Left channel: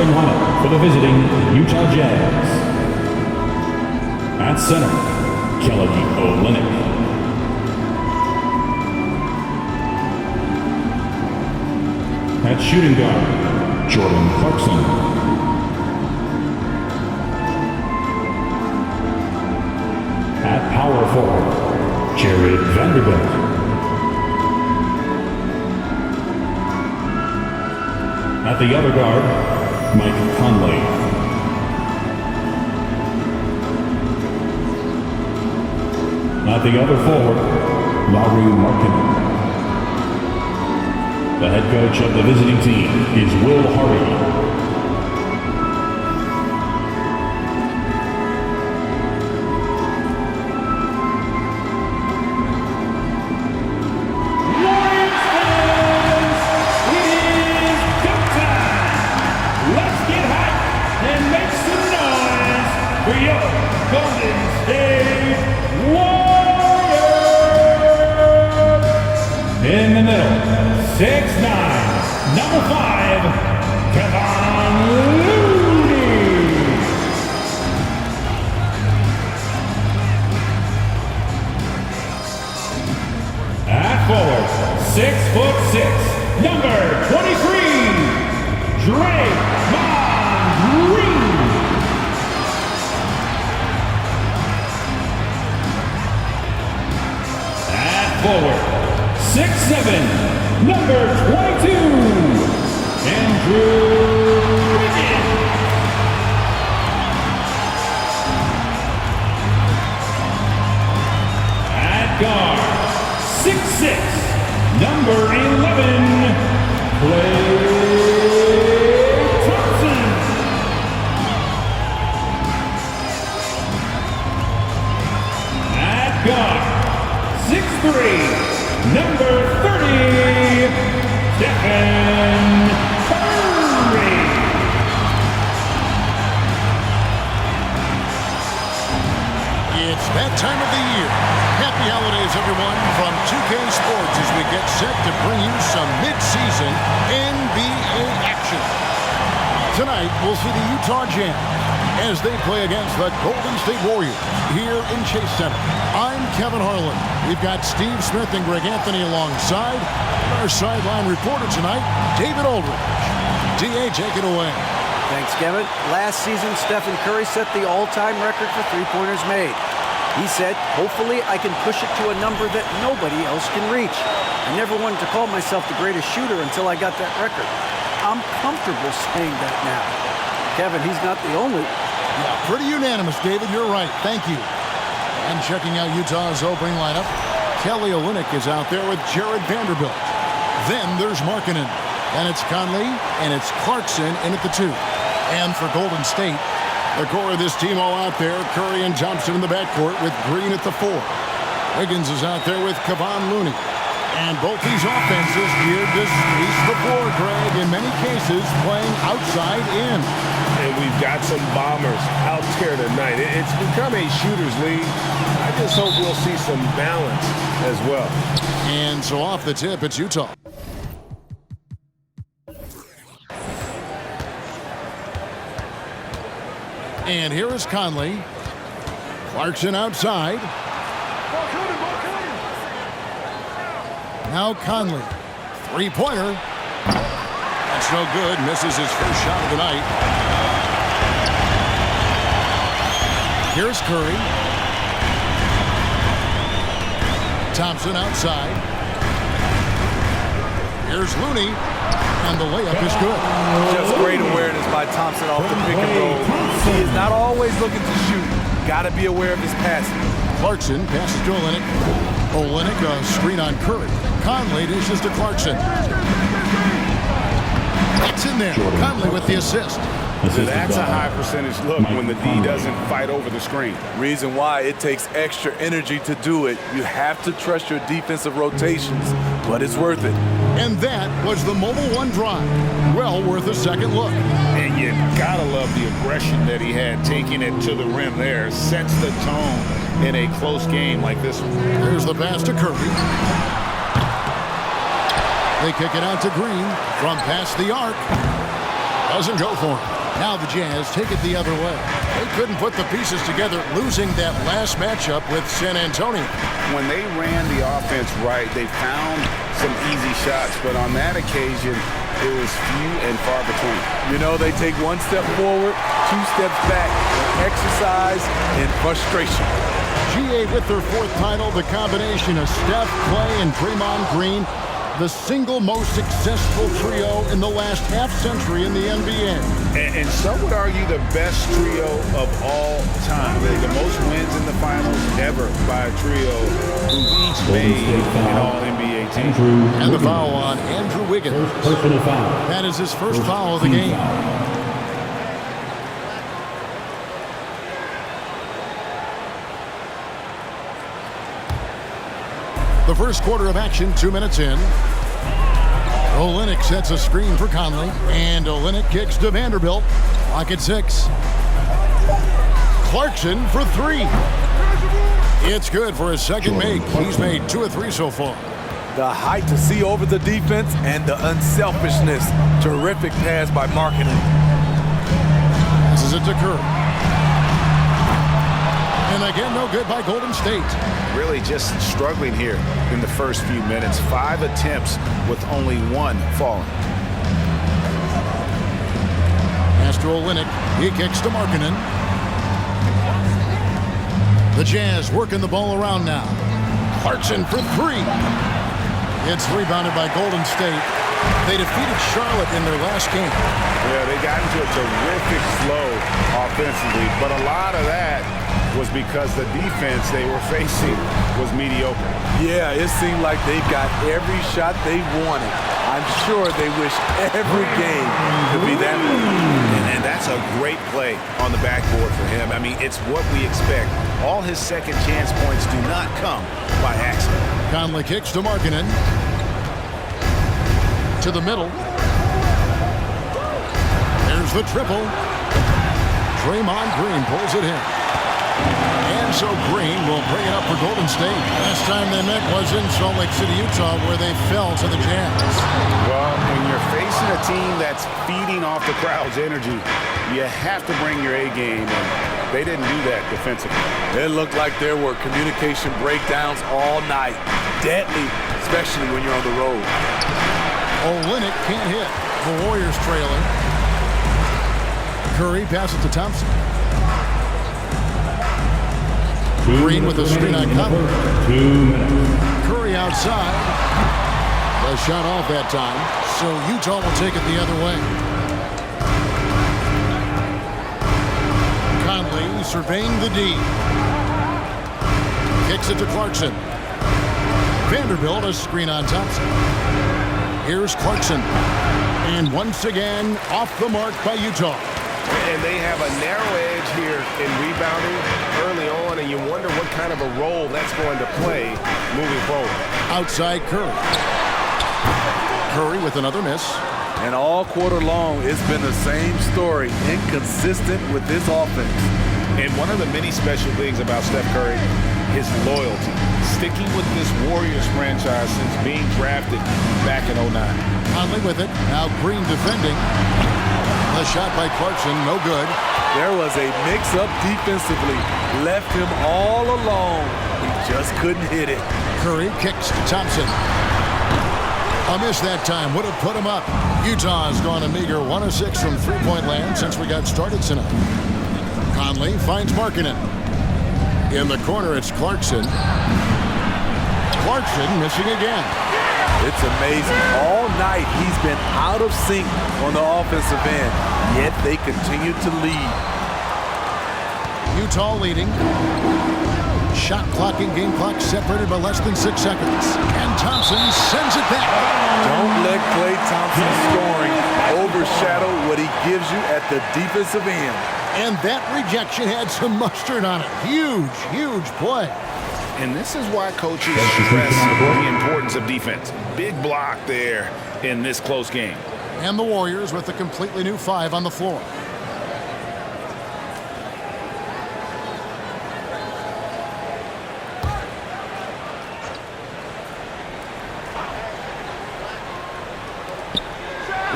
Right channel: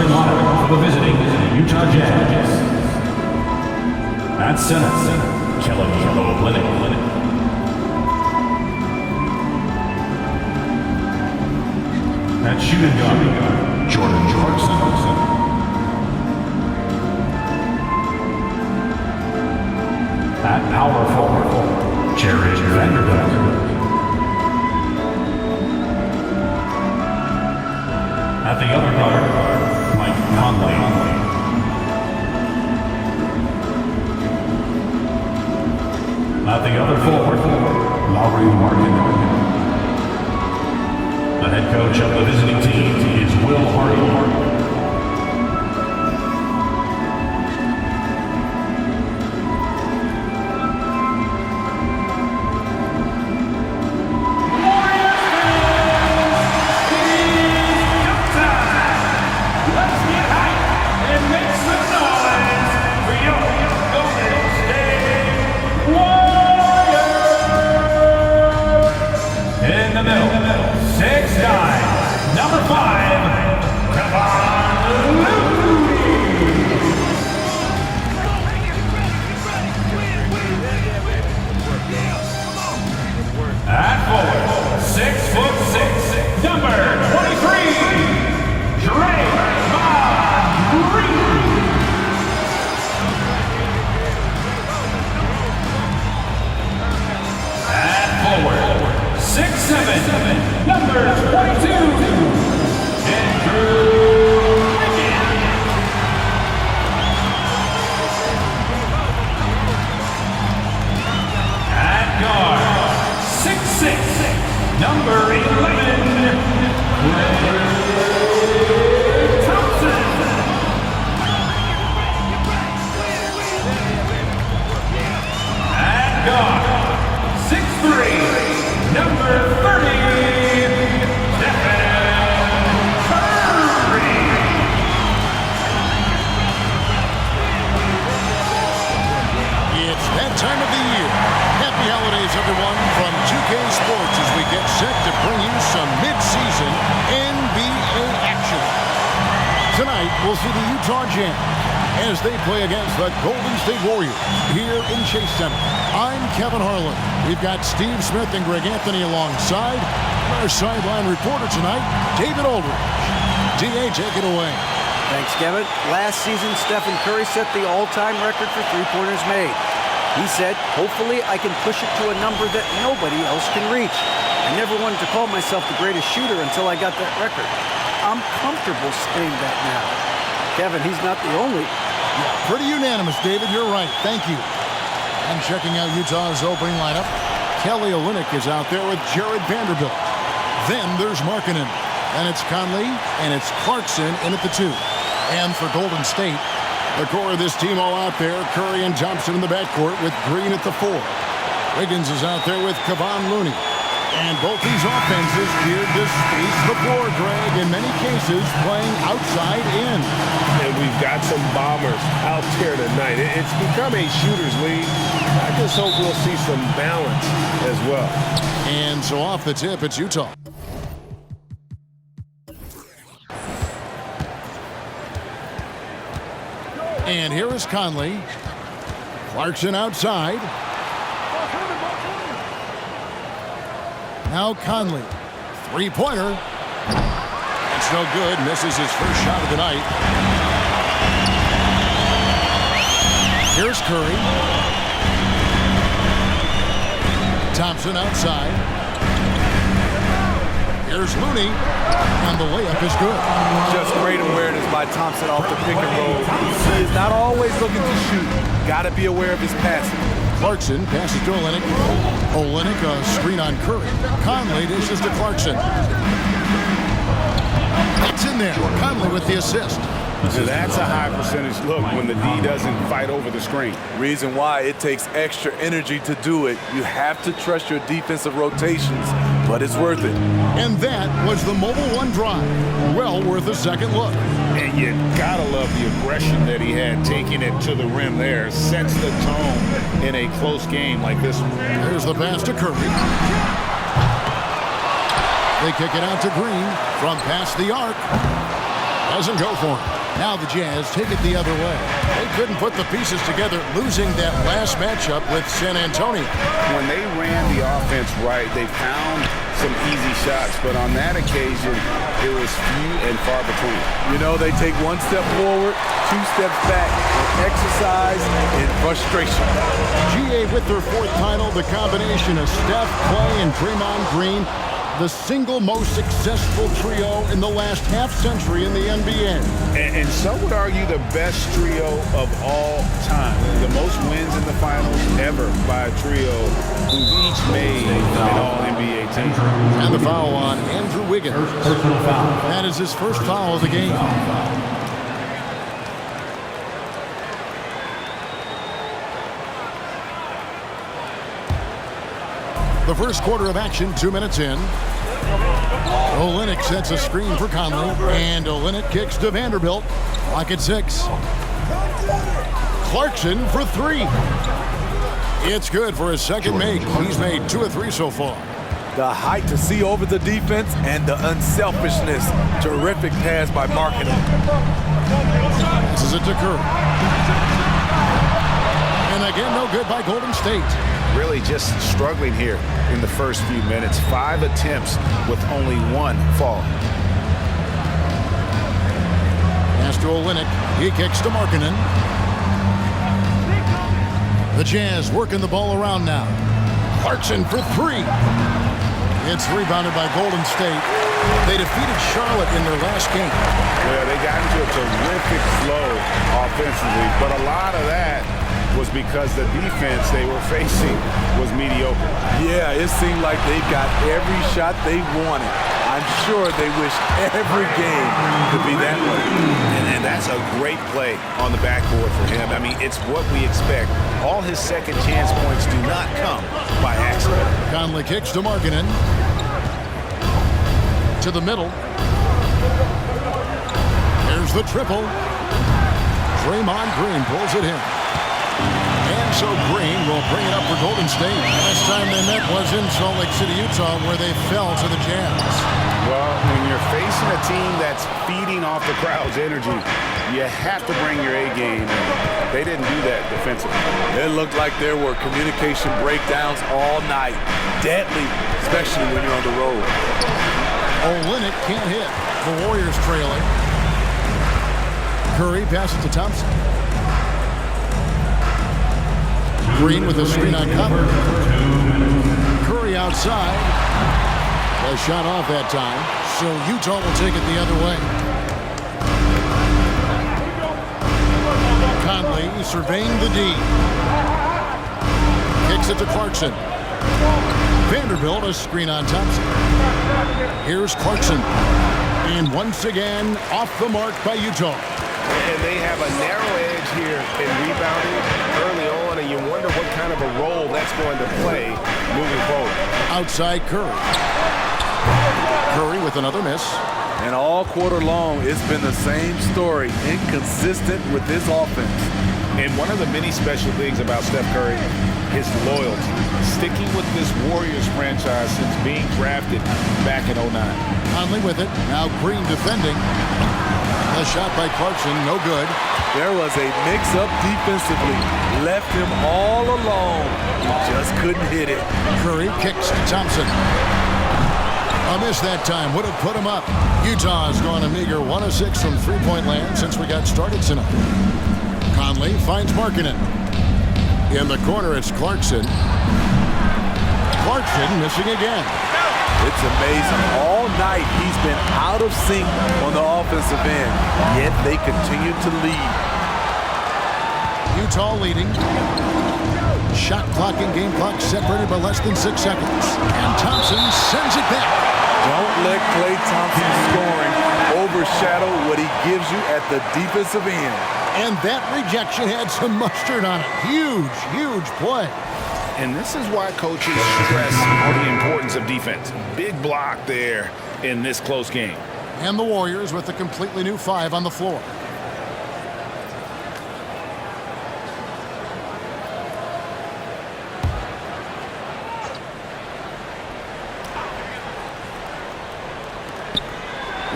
starting lineup for the visiting Utah Jazz. At center, Kelly Olynyk. At shooting guard, Jordan Clarkson. At power forward, Jared Vanderbilt. At the other guard, Mike Conley. At the other forward, Lauri Markkanen. The head coach of the visiting team is Will Hardy. In the middle, 6'9", number 5, Kevon Looney. At forward, 6'6", number 23, Draymond Green. At forward, 6'7", number 22, Andrew Wiggins. At guard, 6'6", number 11, Klay Thompson. At guard, 6'3", number 30, Stephen Curry. It's that time of the year. Happy holidays, everyone, from 2K Sports as we get set to bring you some mid-season NBA action. Tonight, we'll see the Utah Jazz as they play against the Golden State Warriors here in Chase Center. I'm Kevin Harlan. We've got Steve Smith and Greg Anthony alongside. And our sideline reporter tonight, David Aldridge. D.A., take it away. Thanks, Kevin. Last season, Stephen Curry set the all-time record for three-pointers made. He said, hopefully I can push it to a number that nobody else can reach. I never wanted to call myself the greatest shooter until I got that record. I'm comfortable saying that now. Kevin, he's not the only. Yeah, pretty unanimous, David. You're right. Thank you. And checking out Utah's opening lineup, Kelly Olynyk is out there with Jared Vanderbilt. Then there's Markkanen. Then it's Conley, and it's Clarkson in at the 2. And for Golden State, the core of this team all out there, Curry and Thompson in the backcourt with Green at the 4. Wiggins is out there with Kevon Looney. And both these offenses geared to space the floor, Greg, in many cases playing outside in. And we've got some bombers out there tonight. It's become a shooter's league. I just hope we'll see some balance as well. And so off the tip, it's Utah. And here is Conley. Clarkson outside. Now Conley. Three-pointer. That's no good. Misses his first shot of the night. Here's Curry. Thompson outside. Here's Looney. And the layup is good. Just great awareness by Thompson off the pick and roll. He is not always looking to shoot. Got to be aware of his passing. Clarkson passes to Olynyk. Olynyk, a screen on Curry. Conley dishes to Clarkson. It's in there. Conley with the assist. That's a high percentage look when the D doesn't fight over the screen. Reason why it takes extra energy to do it. You have to trust your defensive rotations, but it's worth it. And that was the Mobile One drive. Well worth a second look. And you gotta love the aggression that he had taking it to the rim there. Sets the tone in a close game like this one. There's the pass to Curry. They kick it out to Green from past the arc. Doesn't go for him. Now the Jazz take it the other way. They couldn't put the pieces together, losing that last matchup with San Antonio. When they ran the offense right, they found some easy shots, but on that occasion, it was few and far between. You know, they take one step forward, 2 steps back on exercise and frustration. GA with their 4th title, the combination of Steph, Clay, and Draymond Green, the single most successful trio in the last half-century in the NBA. And some would argue the best trio of all time. The most wins in the finals ever by a trio who've each made an All-NBA team. And the foul on Andrew Wiggins. Personal foul. That is his first foul of the game. The first quarter of action, 2 minutes in. Olynyk sets a screen for Conley, and Olynyk kicks to Vanderbilt. Clock at 6. Clarkson for 3. It's good for his second make. He's made 2 of 3 so far. The height to see over the defense and the unselfishness. Terrific pass by Markkanen. Passes it to Curry. And again, no good by Golden State. Really just struggling here in the first few minutes. 5 attempts with only 1 falling. Pass to Olynyk. He kicks to Markkanen. The Jazz working the ball around now. Clarkson for 3. It's rebounded by Golden State. They defeated Charlotte in their last game. Well, they got into a terrific flow offensively, but a lot of that was because the defense they were facing was mediocre. Yeah, it seemed like they got every shot they wanted. I'm sure they wish every game could be that way. And that's a great play on the backboard for him. I mean, it's what we expect. All his second chance points do not come by accident. Conley kicks to Markkanen. To the middle. There's the triple. Draymond Green pulls it in. And so Green will bring it up for Golden State. Last time they met was in Salt Lake City, Utah, where they fell to the Jazz. Well, when you're facing a team that's feeding off the crowd's energy, you have to bring your A game, and they didn't do that defensively. It looked like there were communication breakdowns all night. Deadly, especially when you're on the road. Olynyk can't hit. The Warriors trailing. Curry passes to Thompson. Green with a screen on Conley. 2 minutes. Curry outside. The shot off that time. So Utah will take it the other way. Conley surveying the D. Kicks it to Clarkson. Vanderbilt, a screen on Thompson. Here's Clarkson. And once again, off the mark by Utah. And they have a narrow edge here in rebounding early on, and you wonder what kind of a role that's going to play moving forward. Outside Curry. Curry with another miss. And all quarter long, it's been the same story, inconsistent with his offense. And one of the many special things about Steph Curry, his loyalty. Sticking with this Warriors franchise since being drafted back in 09. Conley with it. Now Green defending. The shot by Clarkson, no good. There was a mix-up defensively. Left him all alone. He just couldn't hit it. Curry kicks to Thompson. A miss that time would have put him up. Utah has gone a meager 1 of 6 from three-point land since we got started tonight. Conley finds Markkanen. In the corner, it's Clarkson. Clarkson missing again. It's amazing. All night he's been out of sync on the offensive end, yet they continue to lead. Utah leading. Shot clock and game clock separated by less than 6 seconds. And Thompson sends it back. Don't let Klay Thompson's scoring overshadow what he gives you at the defensive end. And that rejection had some mustard on it. Huge, huge play. And this is why coaches stress the importance of defense. Big block there in this close game. And the Warriors with a completely new 5 on the floor.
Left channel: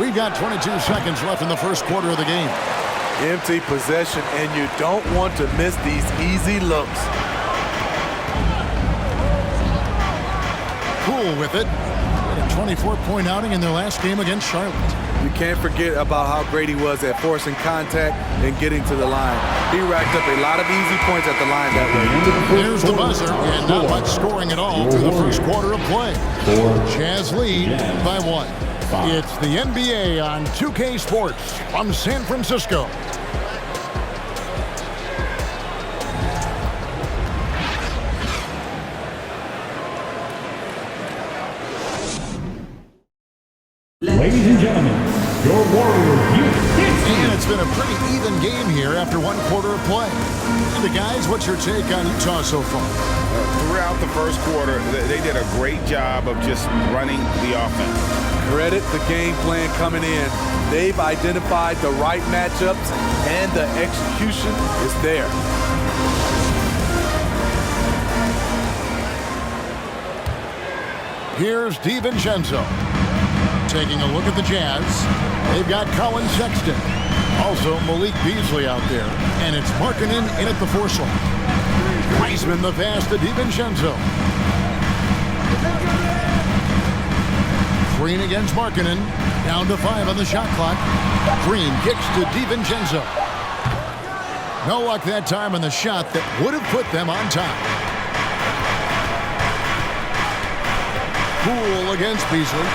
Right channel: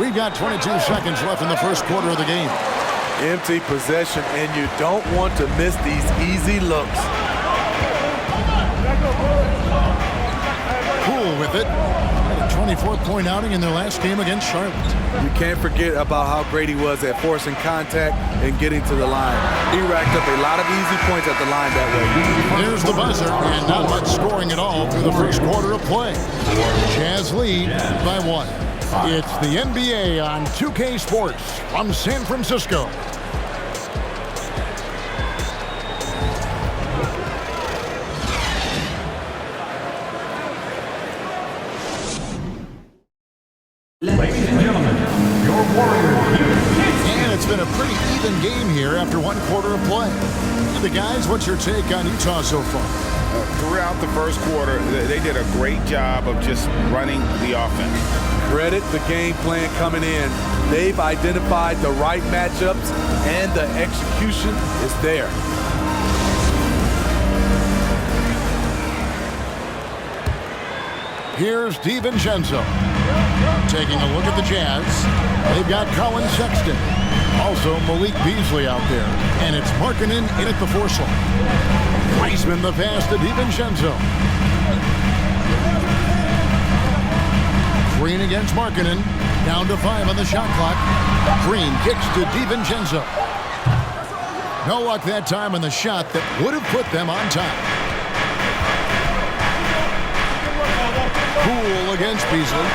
We've got 22 seconds left in the first quarter of the game. Empty possession, and you don't want to miss these easy looks. Poole with it. Had a 24-point outing in their last game against Charlotte. You can't forget about how great he was at forcing contact and getting to the line. He racked up a lot of easy points at the line that way. There's the buzzer, and not much scoring at all through the first quarter of play. Jazz lead by 1. It's the NBA on 2K Sports from San Francisco. Ladies and gentlemen, your Warriors. And it's been a pretty even game here after one quarter of play. And the guys, what's your take on Utah so far? Throughout the first quarter, they did a great job of just running the offense. Credit the game plan coming in. They've identified the right matchups, and the execution is there. Here's DiVincenzo. Taking a look at the Jazz. They've got Colin Sexton. Also Malik Beasley out there. And it's Markkanen in at the 4 slot. Wiseman the pass to DiVincenzo. Green against Markkanen. Down to 5 on the shot clock. Green kicks to DiVincenzo. No luck that time on the shot that would have put them on top. Poole against Beasley.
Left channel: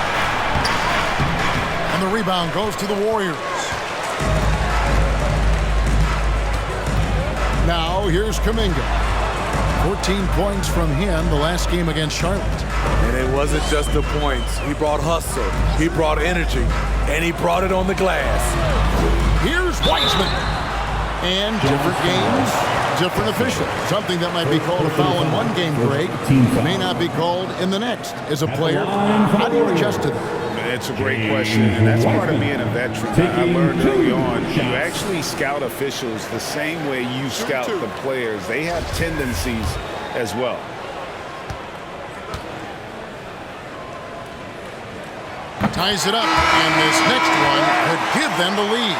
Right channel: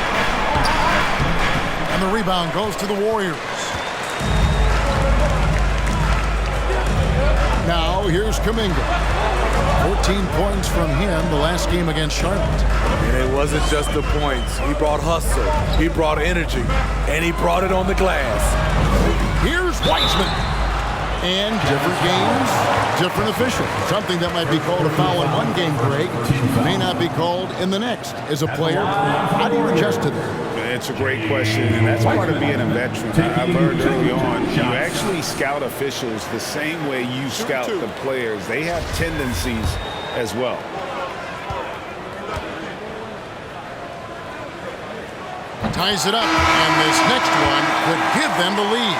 And the rebound goes to the Warriors. Now here's Kuminga. 14 points from him the last game against Charlotte. And it wasn't just the points. He brought hustle, he brought energy, and he brought it on the glass. Here's Wiseman. And different games, different officials. Something that might be called a foul in one game, Greg, may not be called in the next. As a player, how do you adjust to that? It's a great question, and that's part of being a veteran. I learned early on, you actually scout officials the same way you scout the players. They have tendencies as well. Ties it up, and this next one could give them the lead.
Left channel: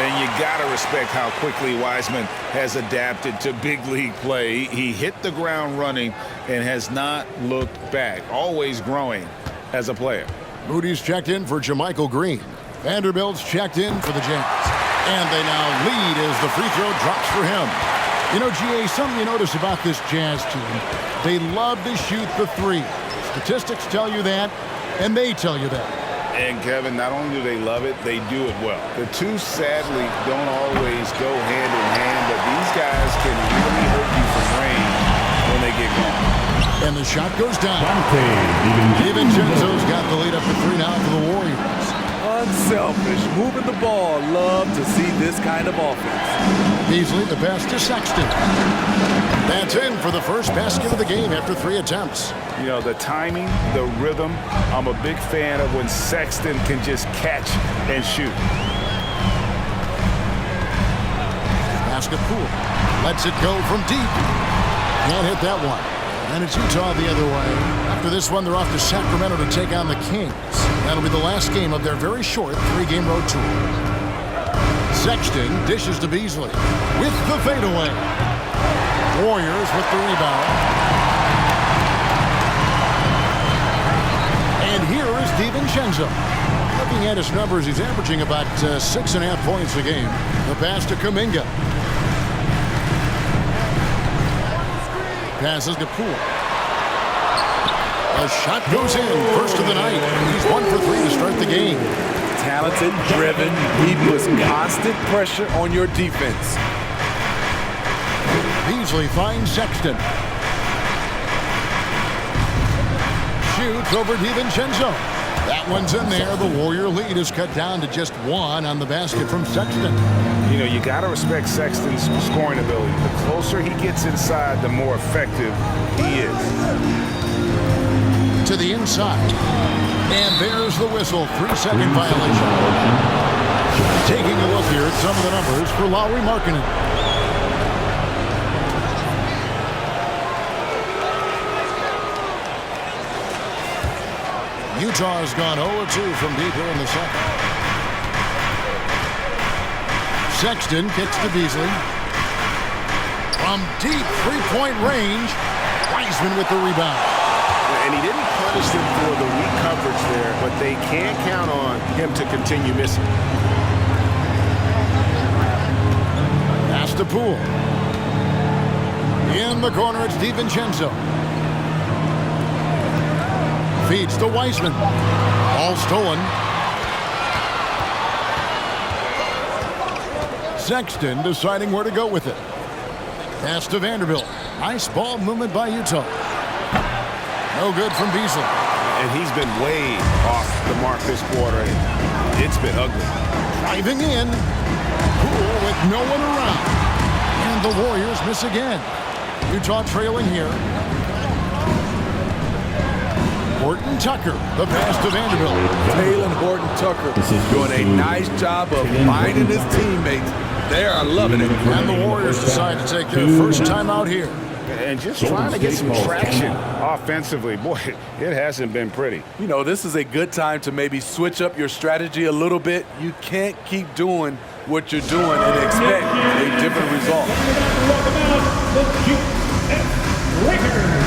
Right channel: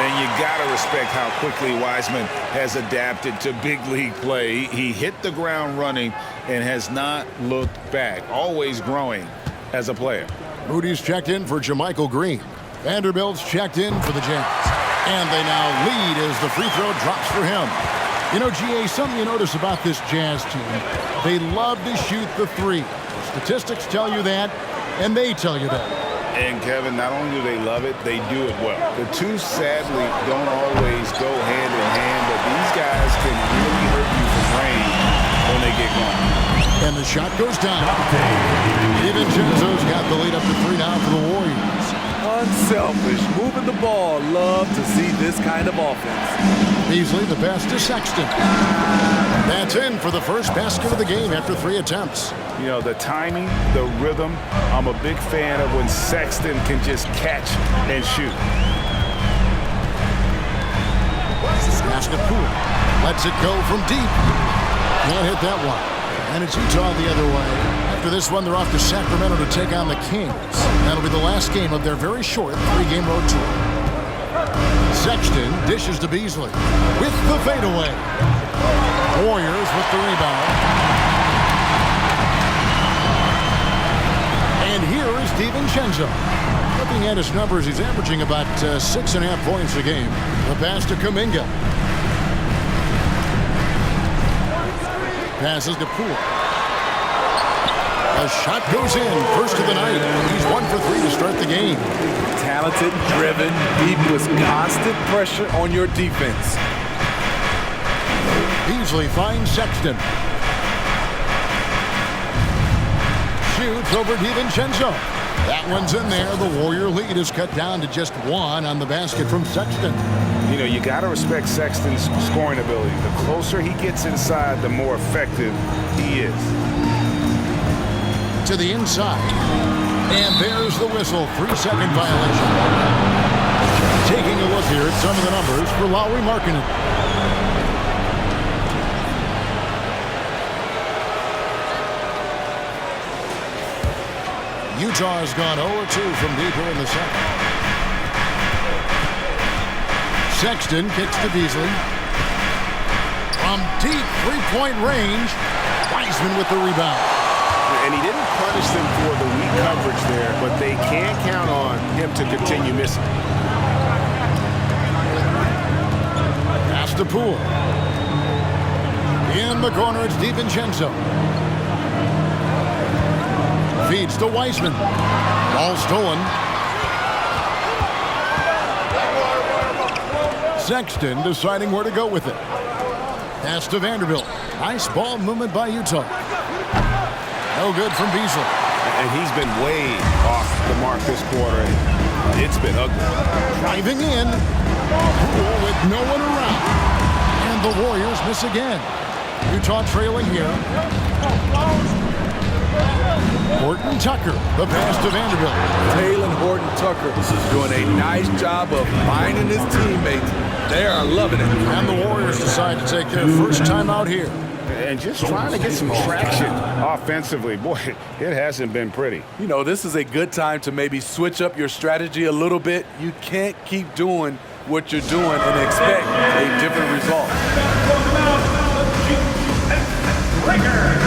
And you got to respect how quickly Wiseman has adapted to big league play. He hit the ground running and has not looked back, always growing as a player. Moody's checked in for JaMychal Green. Vanderbilt's checked in for the Jazz. And they now lead as the free throw drops for him. You know, GA, something you notice about this Jazz team, they love to shoot the 3. The statistics tell you that, and they tell you that. And, Kevin, not only do they love it, they do it well. The two, sadly, don't always go hand in hand, but these guys can really hurt you from range when they get going. And the shot goes down. DiVincenzo's got the lead up to 3 now for the Warriors. Unselfish, moving the ball. Love to see this kind of offense. Beasley the pass to Sexton. That's in for the first basket of the game after 3 attempts. You know, the timing, the rhythm, I'm a big fan of when Sexton can just catch and shoot. Basket Poole lets it go from deep. Can't hit that one. And it's Utah the other way. After this one, they're off to Sacramento to take on the Kings. That'll be the last game of their very short 3-game road tour. Sexton dishes to Beasley with the fadeaway. Warriors with the rebound. And here is DiVincenzo. Looking at his numbers, he's averaging about 6.5 points a game. The pass to Kuminga. Passes to Poole. A shot goes in. First of the night. He's 1 for 3 to start the game. Talented, driven. He puts constant pressure on your defense. Beasley finds Sexton. Shoots over DiVincenzo. That one's in there. The Warrior lead is cut down to just 1 on the basket from Sexton. You know, you got to respect Sexton's scoring ability. The closer he gets inside, the more effective he is. To the inside. And there's the whistle. 3-second violation. Taking a look here at some of the numbers for Lauri Markkanen. Utah has gone 0-2 from deep here in the second. Sexton kicks to Beasley. From deep three-point range, Wiseman with the rebound. And he didn't punish them for the weak coverage there, but they can't count on him to continue missing. Pass to Poole. In the corner, it's DiVincenzo. Feeds to Wiseman. Ball stolen. Sexton deciding where to go with it. Pass to Vanderbilt. Nice ball movement by Utah. No good from Beasley. And he's been way off the mark this quarter. It's been ugly. Driving in. Poole with no one around. And the Warriors miss again. Utah trailing here. Horton Tucker, the pass to Vanderbilt. Taylor Horton Tucker doing a nice job of finding his teammates. They are loving it. And the Warriors decide to take their first time out here. And just trying to get some traction offensively. Boy, it hasn't been pretty. You know, this is a good time to maybe switch up your strategy a little bit. You can't keep doing what you're doing and expect a different result. Welcome out the GX Lakers.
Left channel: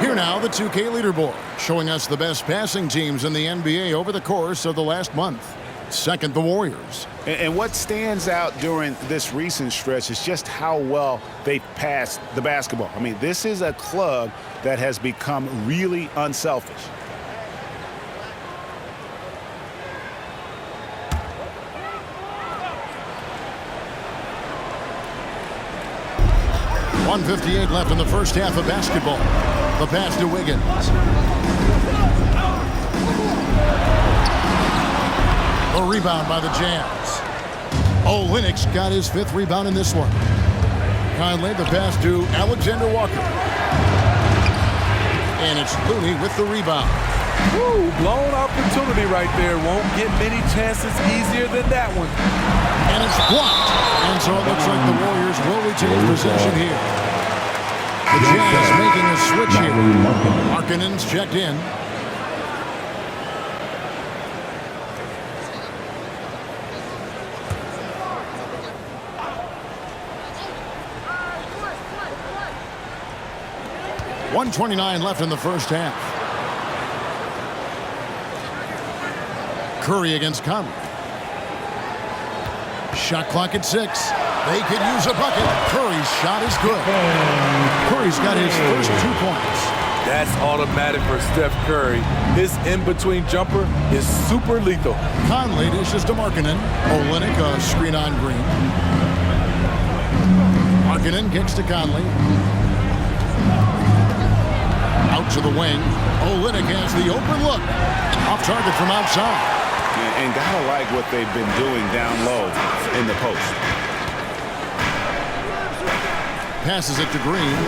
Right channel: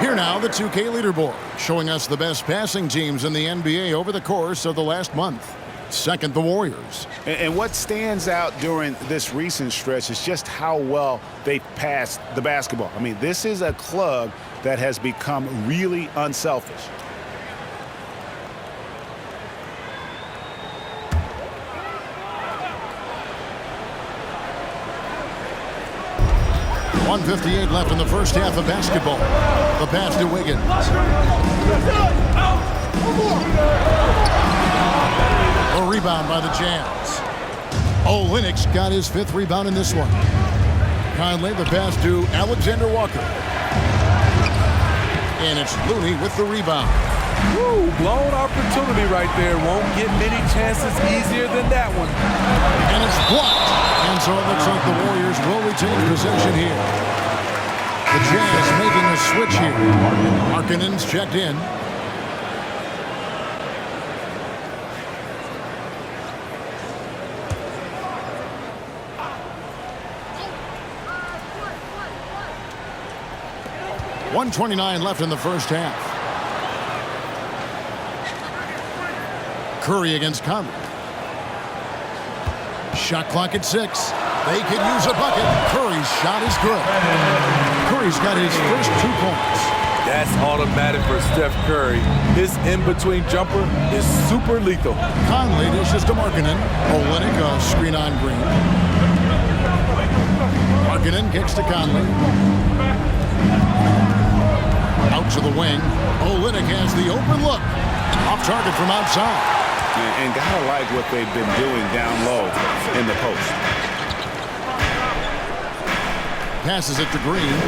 Here now, the 2K leaderboard, showing us the best passing teams in the NBA over the course of the last month. Second, the Warriors. And what stands out during this recent stretch is just how well they passed the basketball. I mean, this is a club that has become really unselfish. .158 left in the first half of basketball. The pass to Wiggins. A rebound by the Jazz. Olynyk got his 5th rebound in this one. Conley, the pass to Alexander Walker. And it's Looney with the rebound. Woo, blown opportunity right there. Won't get many chances easier than that one. And it's blocked. And so it looks like the Warriors will retain possession here. The Jazz making a switch here. Markkanen's checked in. .129 left in the first half. Curry against Conley. Shot clock at 6. They could use a bucket. Curry's shot is good. Curry's got his first 2 points. That's automatic for Steph Curry. His in-between jumper is super lethal. Conley dishes to Markkanen. Olynyk a screen on Green. Markkanen kicks to Conley. Out to the wing. Olynyk has the open look. Off target from outside. And gotta like what they've been doing down low in the post. Passes it to Green.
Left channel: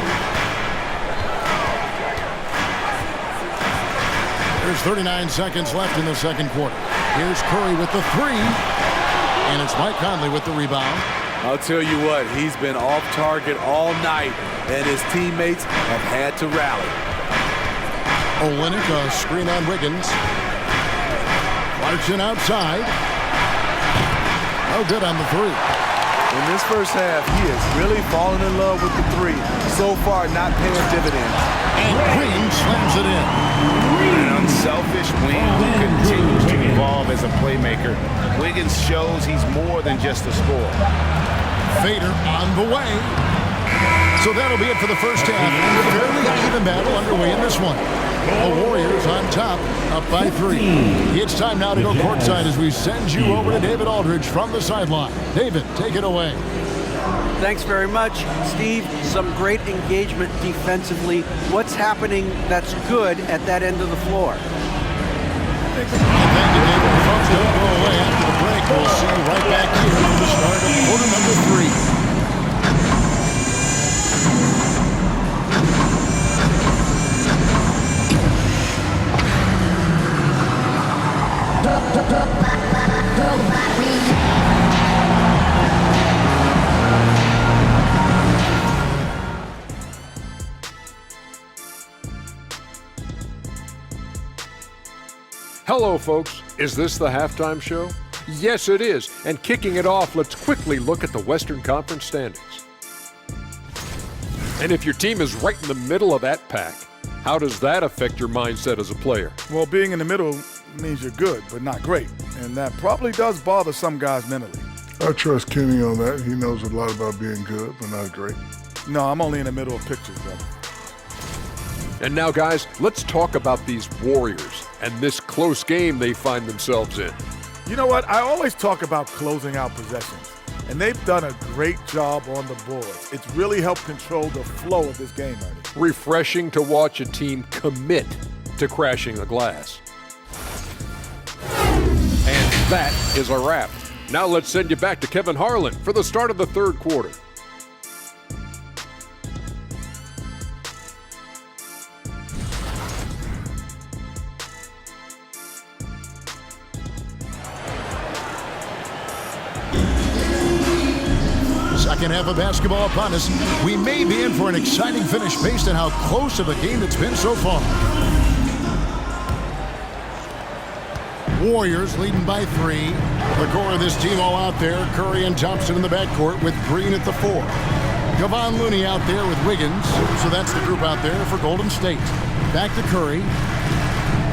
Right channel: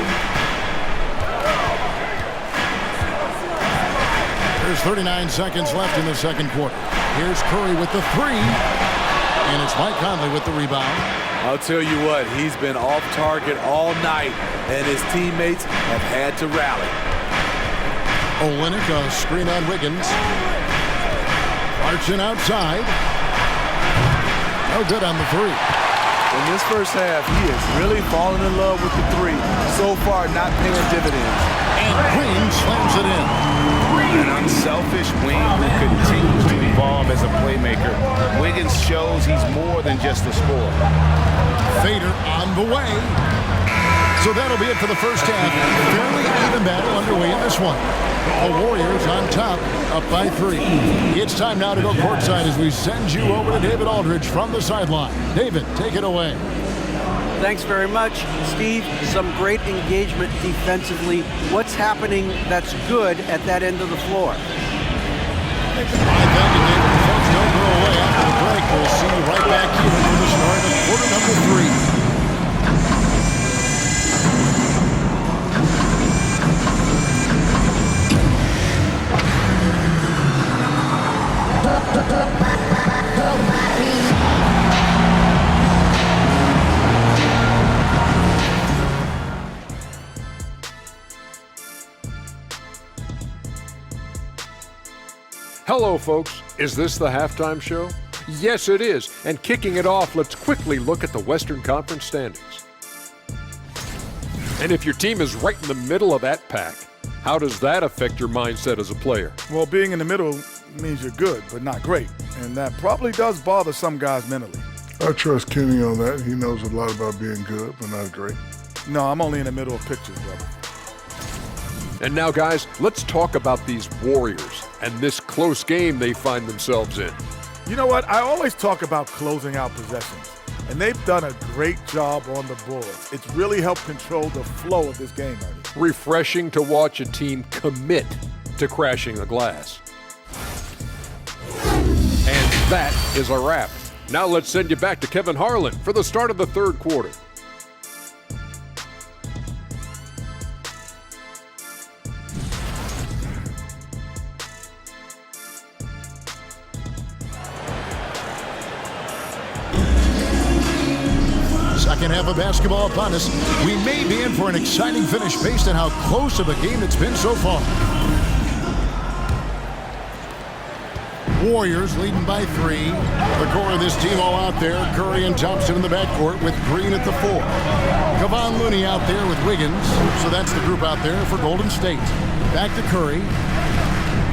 There's 39 seconds left in the second quarter. Here's Curry with the 3. And it's Mike Conley with the rebound. I'll tell you what, he's been off target all night, and his teammates have had to rally. Olynyk a screen on Wiggins. Clarkson outside. No good on the 3. In this first half, he is really falling in love with the 3. So far, not paying dividends. And Green slams it in. An unselfish wing who continues to evolve as a playmaker. Wiggins shows he's more than just a scorer. Fader on the way. So that'll be it for the first half. Fairly even battle underway in this one. The Warriors on top, up by 3. It's time now to go courtside as we send you over to David Aldridge from the sideline. David, take it away. Thanks very much, Steve. Some great engagement defensively. What's happening that's good at that end of the floor? All right, thank you, David. Folks, don't go away after the break. We'll see you right back here for the start of quarter number 3. Hello, folks. Is this the halftime show? Yes, it is. And kicking it off, let's quickly look at the Western Conference standings. And if your team is right in the middle of that pack, how does that affect your mindset as a player? Well, being in the middle means you're good, but not great. And that probably does bother some guys mentally. I trust Kenny on that. He knows a lot about being good, but not great. No, I'm only in the middle of pictures, brother. And now, guys, let's talk about these Warriors and this close game they find themselves in. You know what? I always talk about closing out possessions, and they've done a great job on the boards. It's really helped control the flow of this game, Ernie. Refreshing to watch a team commit to crashing the glass. And that is a wrap. Now let's send you back to Kevin Harlan for the start of the third quarter. Second half of basketball upon us. We may be in for an exciting finish based on how close of a game it's been so far. Warriors leading by 3. The core of this team all out there. Curry and Thompson in the backcourt with Green at the 4. Kevon Looney out there with Wiggins. So that's the group out there for Golden State. Back to Curry.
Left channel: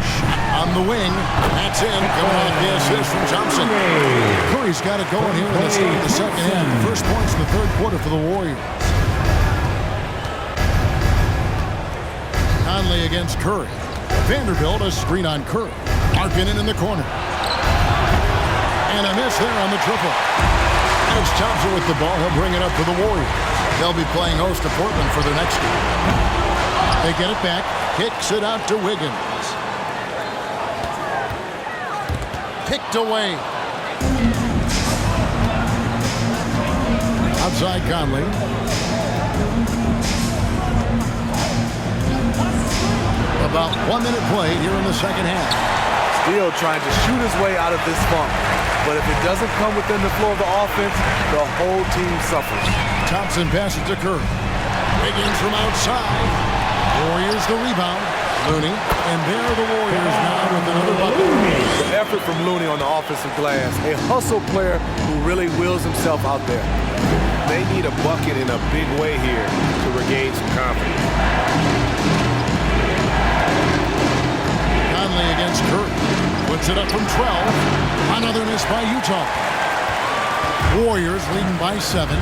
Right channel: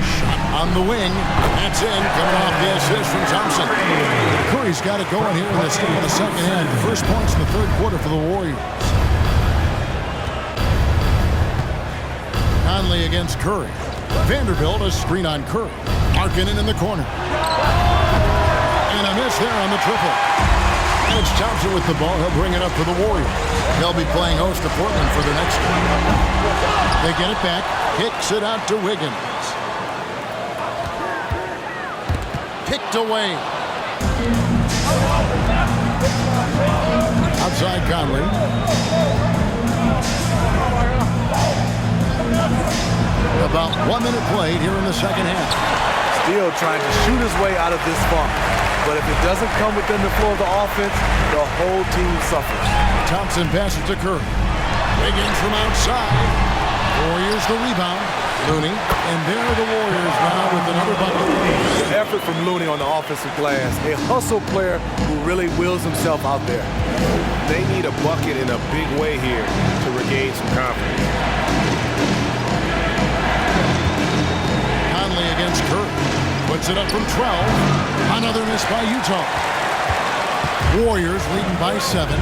Shot on the wing. That's in. Coming off the assist from Thompson. Curry's got it going here in the start of the second half. The first points in the third quarter for the Warriors. Conley against Curry. Vanderbilt, a screen on Curry. Markkanen in the corner. And a miss there on the triple. And it's Thompson with the ball. He'll bring it up for the Warriors. They'll be playing host to Portland for their next game. They get it back. Kicks it out to Wiggins. Picked away. Outside Conley. About 1 minute played here in the second half. Still trying to shoot his way out of this funk. But if it doesn't come within the flow of the offense, the whole team suffers. Thompson passes to Curry. Wiggins from outside. Warriors the rebound. Looney. And there are the Warriors now with another bucket. The effort from Looney on the offensive glass. A hustle player who really wills himself out there. They need a bucket in a big way here to regain some confidence. Conley against Curry. Puts it up from 12. Another miss by Utah. Warriors leading by 7.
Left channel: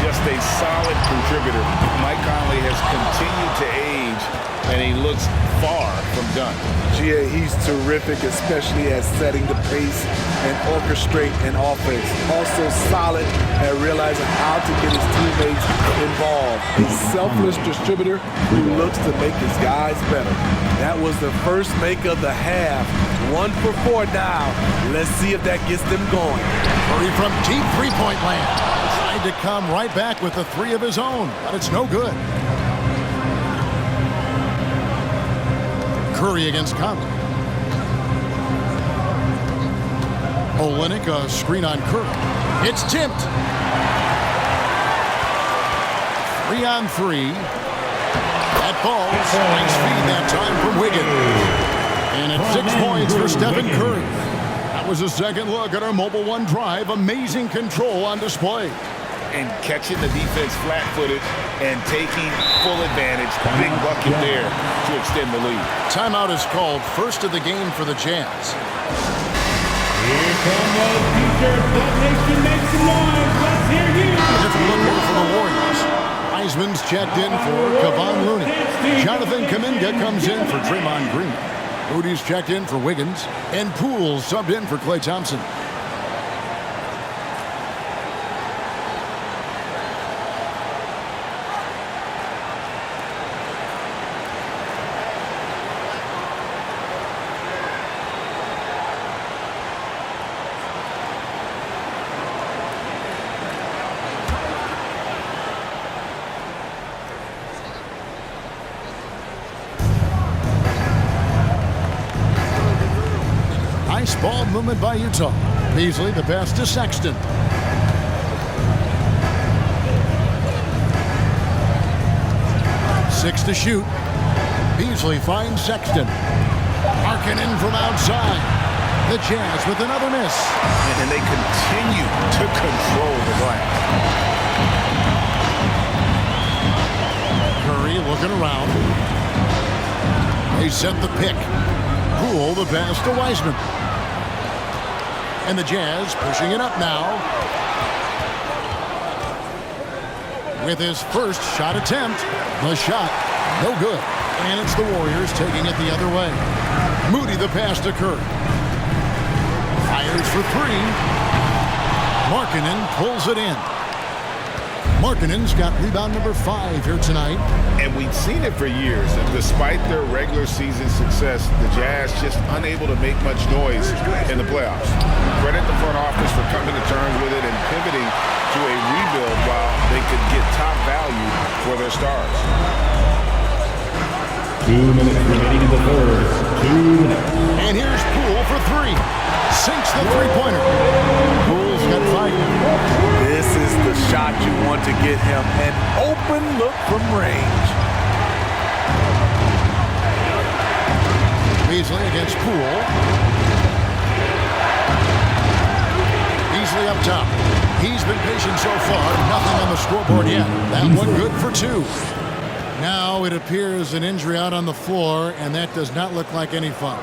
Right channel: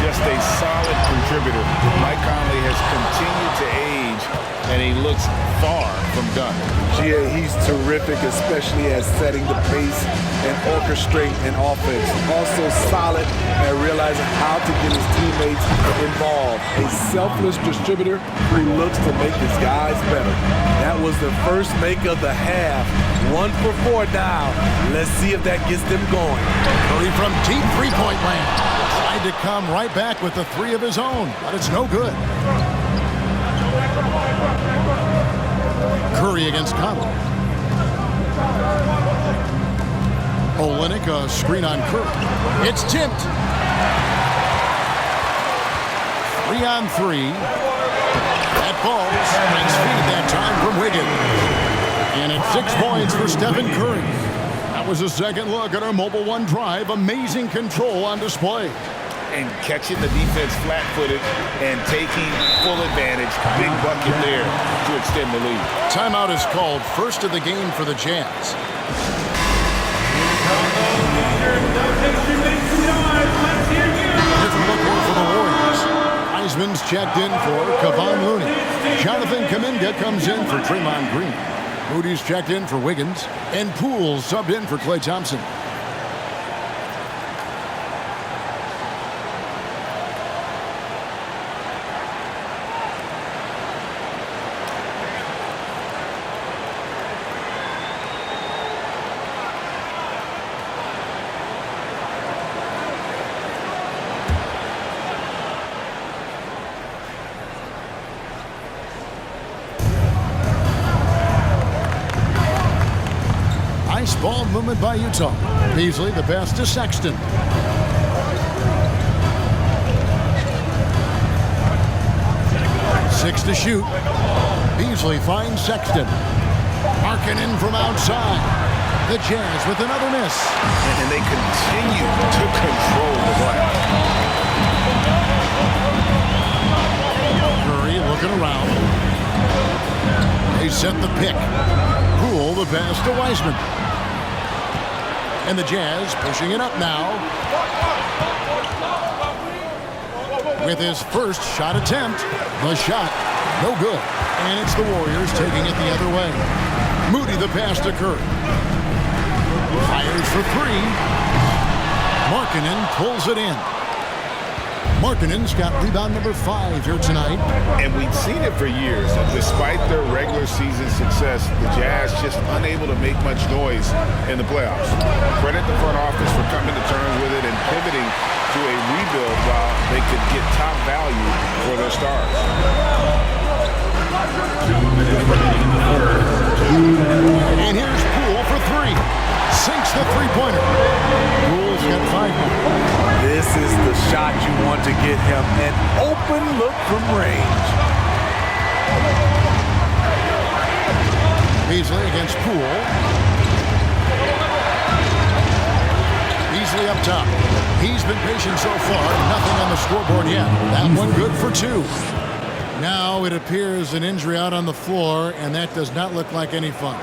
Just a solid contributor. Mike Conley has continued to age, and he looks far from done. GA, he's terrific, especially at setting the pace and orchestrating an offense. Also solid at realizing how to get his teammates involved. A selfless distributor who looks to make his guys better. That was the first make of the half. 1 for 4 now. Let's see if that gets them going. Curry from deep three-point land. Tried to come right back with the 3 of his own, but it's no good. Curry against Conley. Olynyk, a screen on Curry. It's tipped. 3 on 3. That falls. Nice feed that time from Wiggins. And it's 6 points for Stephen Curry. That was a second look at our Mobile One drive. Amazing control on display. And catching the defense flat-footed and taking full advantage. Big bucket there to extend the lead. Timeout is called. First of the game for the Jazz. Here come those t-shirts. That nation makes some noise. Let's hear you. Different look here for the Warriors. Heisman's checked in for Kevon Looney. Jonathan Kuminga comes in for Draymond Green. Moody's checked in for Wiggins. And Poole subbed in for Klay Thompson. Nice ball movement by Utah. Beasley the pass to Sexton. Six to shoot. Beasley finds Sexton. Markkanen from outside. The Jazz with another miss. And they continue to control the glass. Curry looking around. They set the pick. Poole the pass to Wiseman. And the Jazz pushing it up now. With his first shot attempt, the shot no good. And it's the Warriors taking it the other way. Moody the pass to Curry. Fires for three. Markkanen pulls it in. Markkanen's got rebound number 5 here tonight. And we've seen it for years. Despite their regular season success, the Jazz just unable to make much noise in the playoffs. Credit the front office for coming to terms with it and pivoting to a rebuild while they could get top value for their stars. 2 minutes remaining in the third. 2 minutes. And here's Poole for 3. Sinks the three-pointer. Poole's got 5 now. This is the shot you want to get him. An open look from range. Beasley against Poole. Beasley up top. He's been patient so far. Nothing on the scoreboard yet. That one good for 2. Now it appears an injury out on the floor, and that does not look like any fun.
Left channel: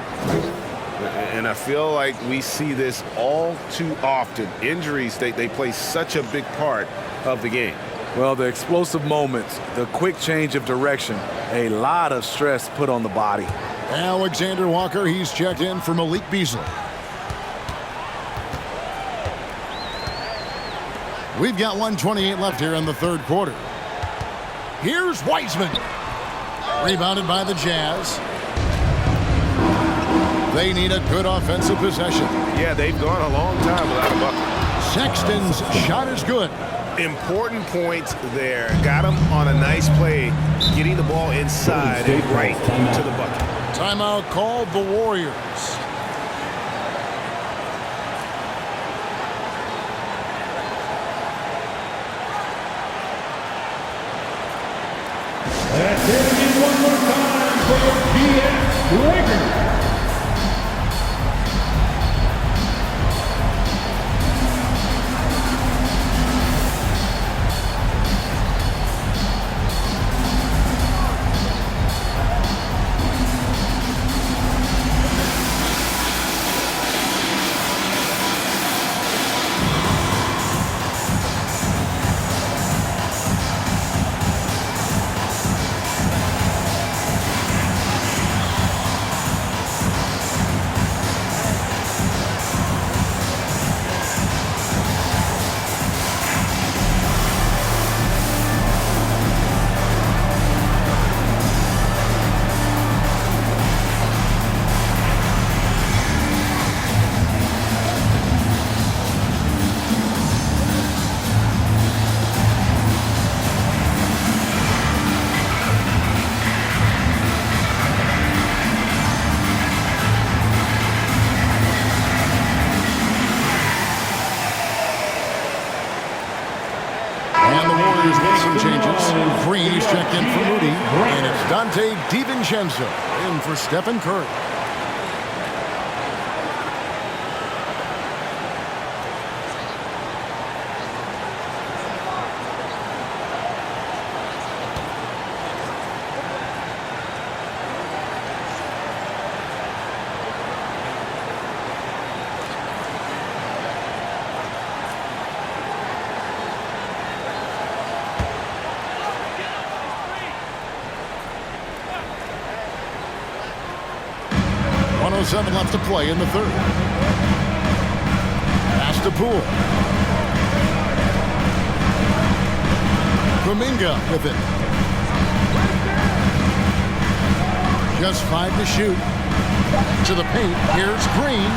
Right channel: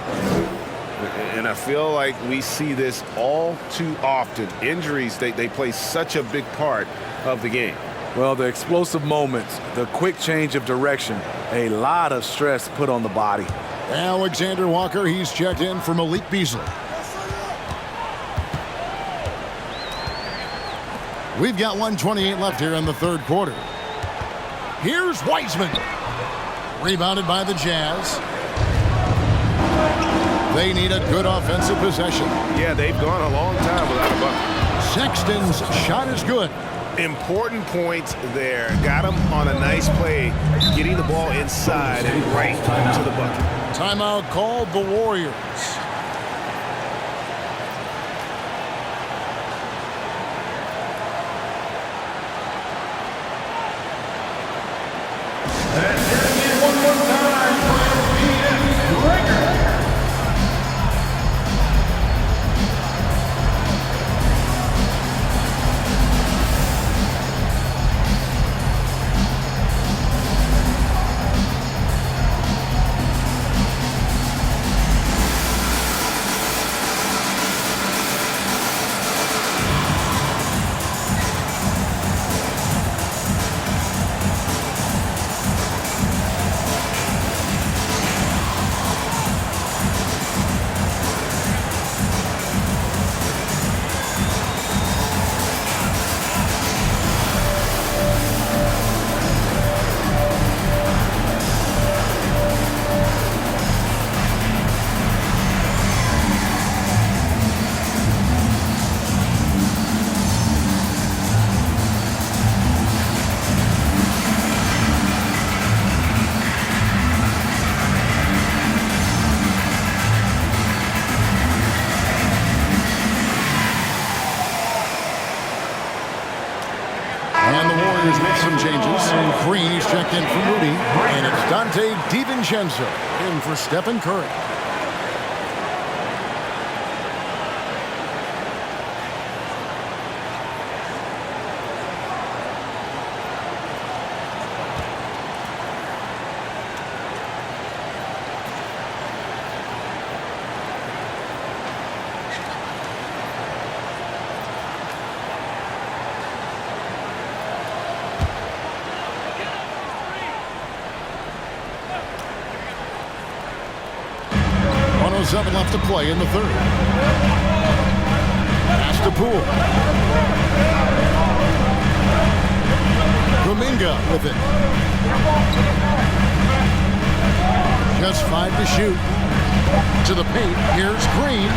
And I feel like we see this all too often. Injuries, they play such a big part of the game. Well, the explosive moments, the quick change of direction, a lot of stress put on the body. Alexander Walker, he's checked in for Malik Beasley. We've got 1:28 left here in the third quarter. Here's Wiseman. Rebounded by the Jazz. They need a good offensive possession. Yeah, they've gone a long time without a bucket. Sexton's shot is good. Important points there. Got him on a nice play, getting the ball inside and right to the bucket. Timeout called the Warriors. Let's hear it again one more time for the BS Breaker. And the Warriors with some changes. Green is checked in for Moody. And it's Dante DiVincenzo in for Stephen Curry. .07 left to play in the third. Pass to Poole. Kuminga with it. Just 5 to shoot. To the paint. Here's Green.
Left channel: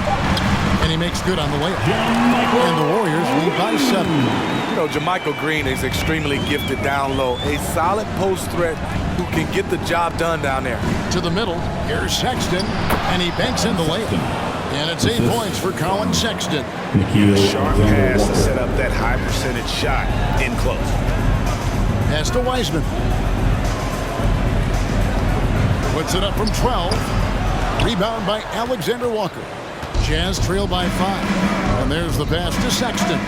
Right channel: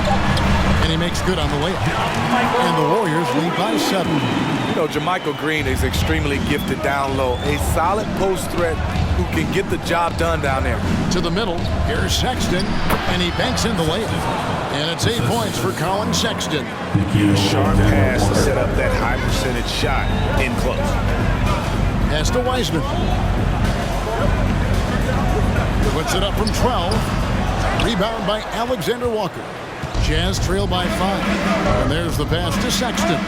And he makes good on the layup. And the Warriors lead by 7. You know, JaMychal Green is extremely gifted down low. A solid post threat who can get the job done down there. To the middle. Here's Sexton. And he banks in the layup. And it's 8 points for Colin Sexton. Sharp pass to set up that high percentage shot in close. Pass to Wiseman. Puts it up from 12. Rebound by Alexander Walker. Jazz trail by 5. And there's the pass to Sexton.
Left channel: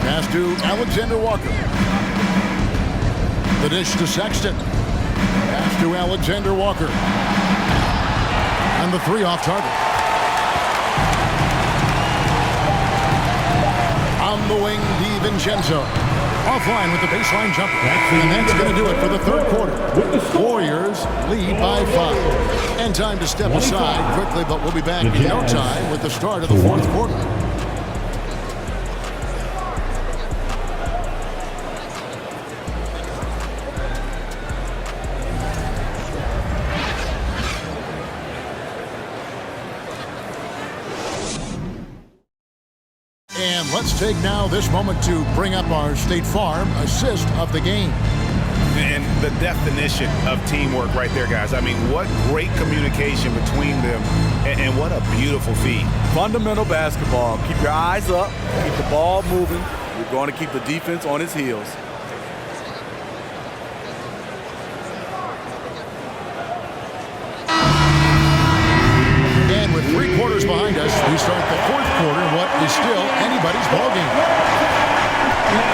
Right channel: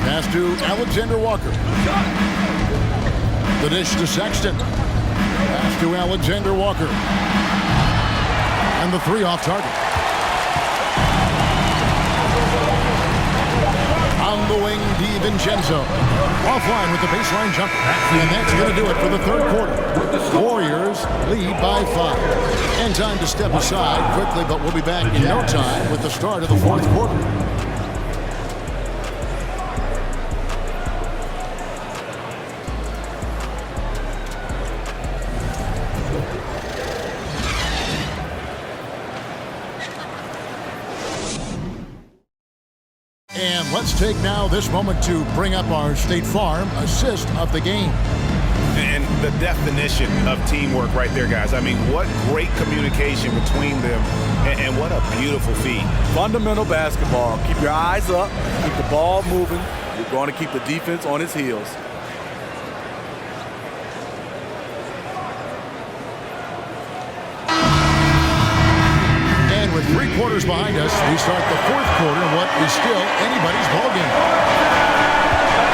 Pass to Alexander Walker. The dish to Sexton. Pass to Alexander Walker. And the 3 off target. On the wing, DiVincenzo. Offline with the baseline jumper. And that's going to do it for the third quarter. Warriors lead by 5. And time to step aside quickly, but we'll be back in no time with the start of the fourth quarter. And let's take now this moment to bring up our State Farm assist of the game. And the definition of teamwork right there, guys. I mean, what great communication between them, and what a beautiful feed. Fundamental basketball. Keep your eyes up. Keep the ball moving. You're going to keep the defense on its heels. And with 3 quarters behind us, we start the fourth quarter in what is still anybody's ball game.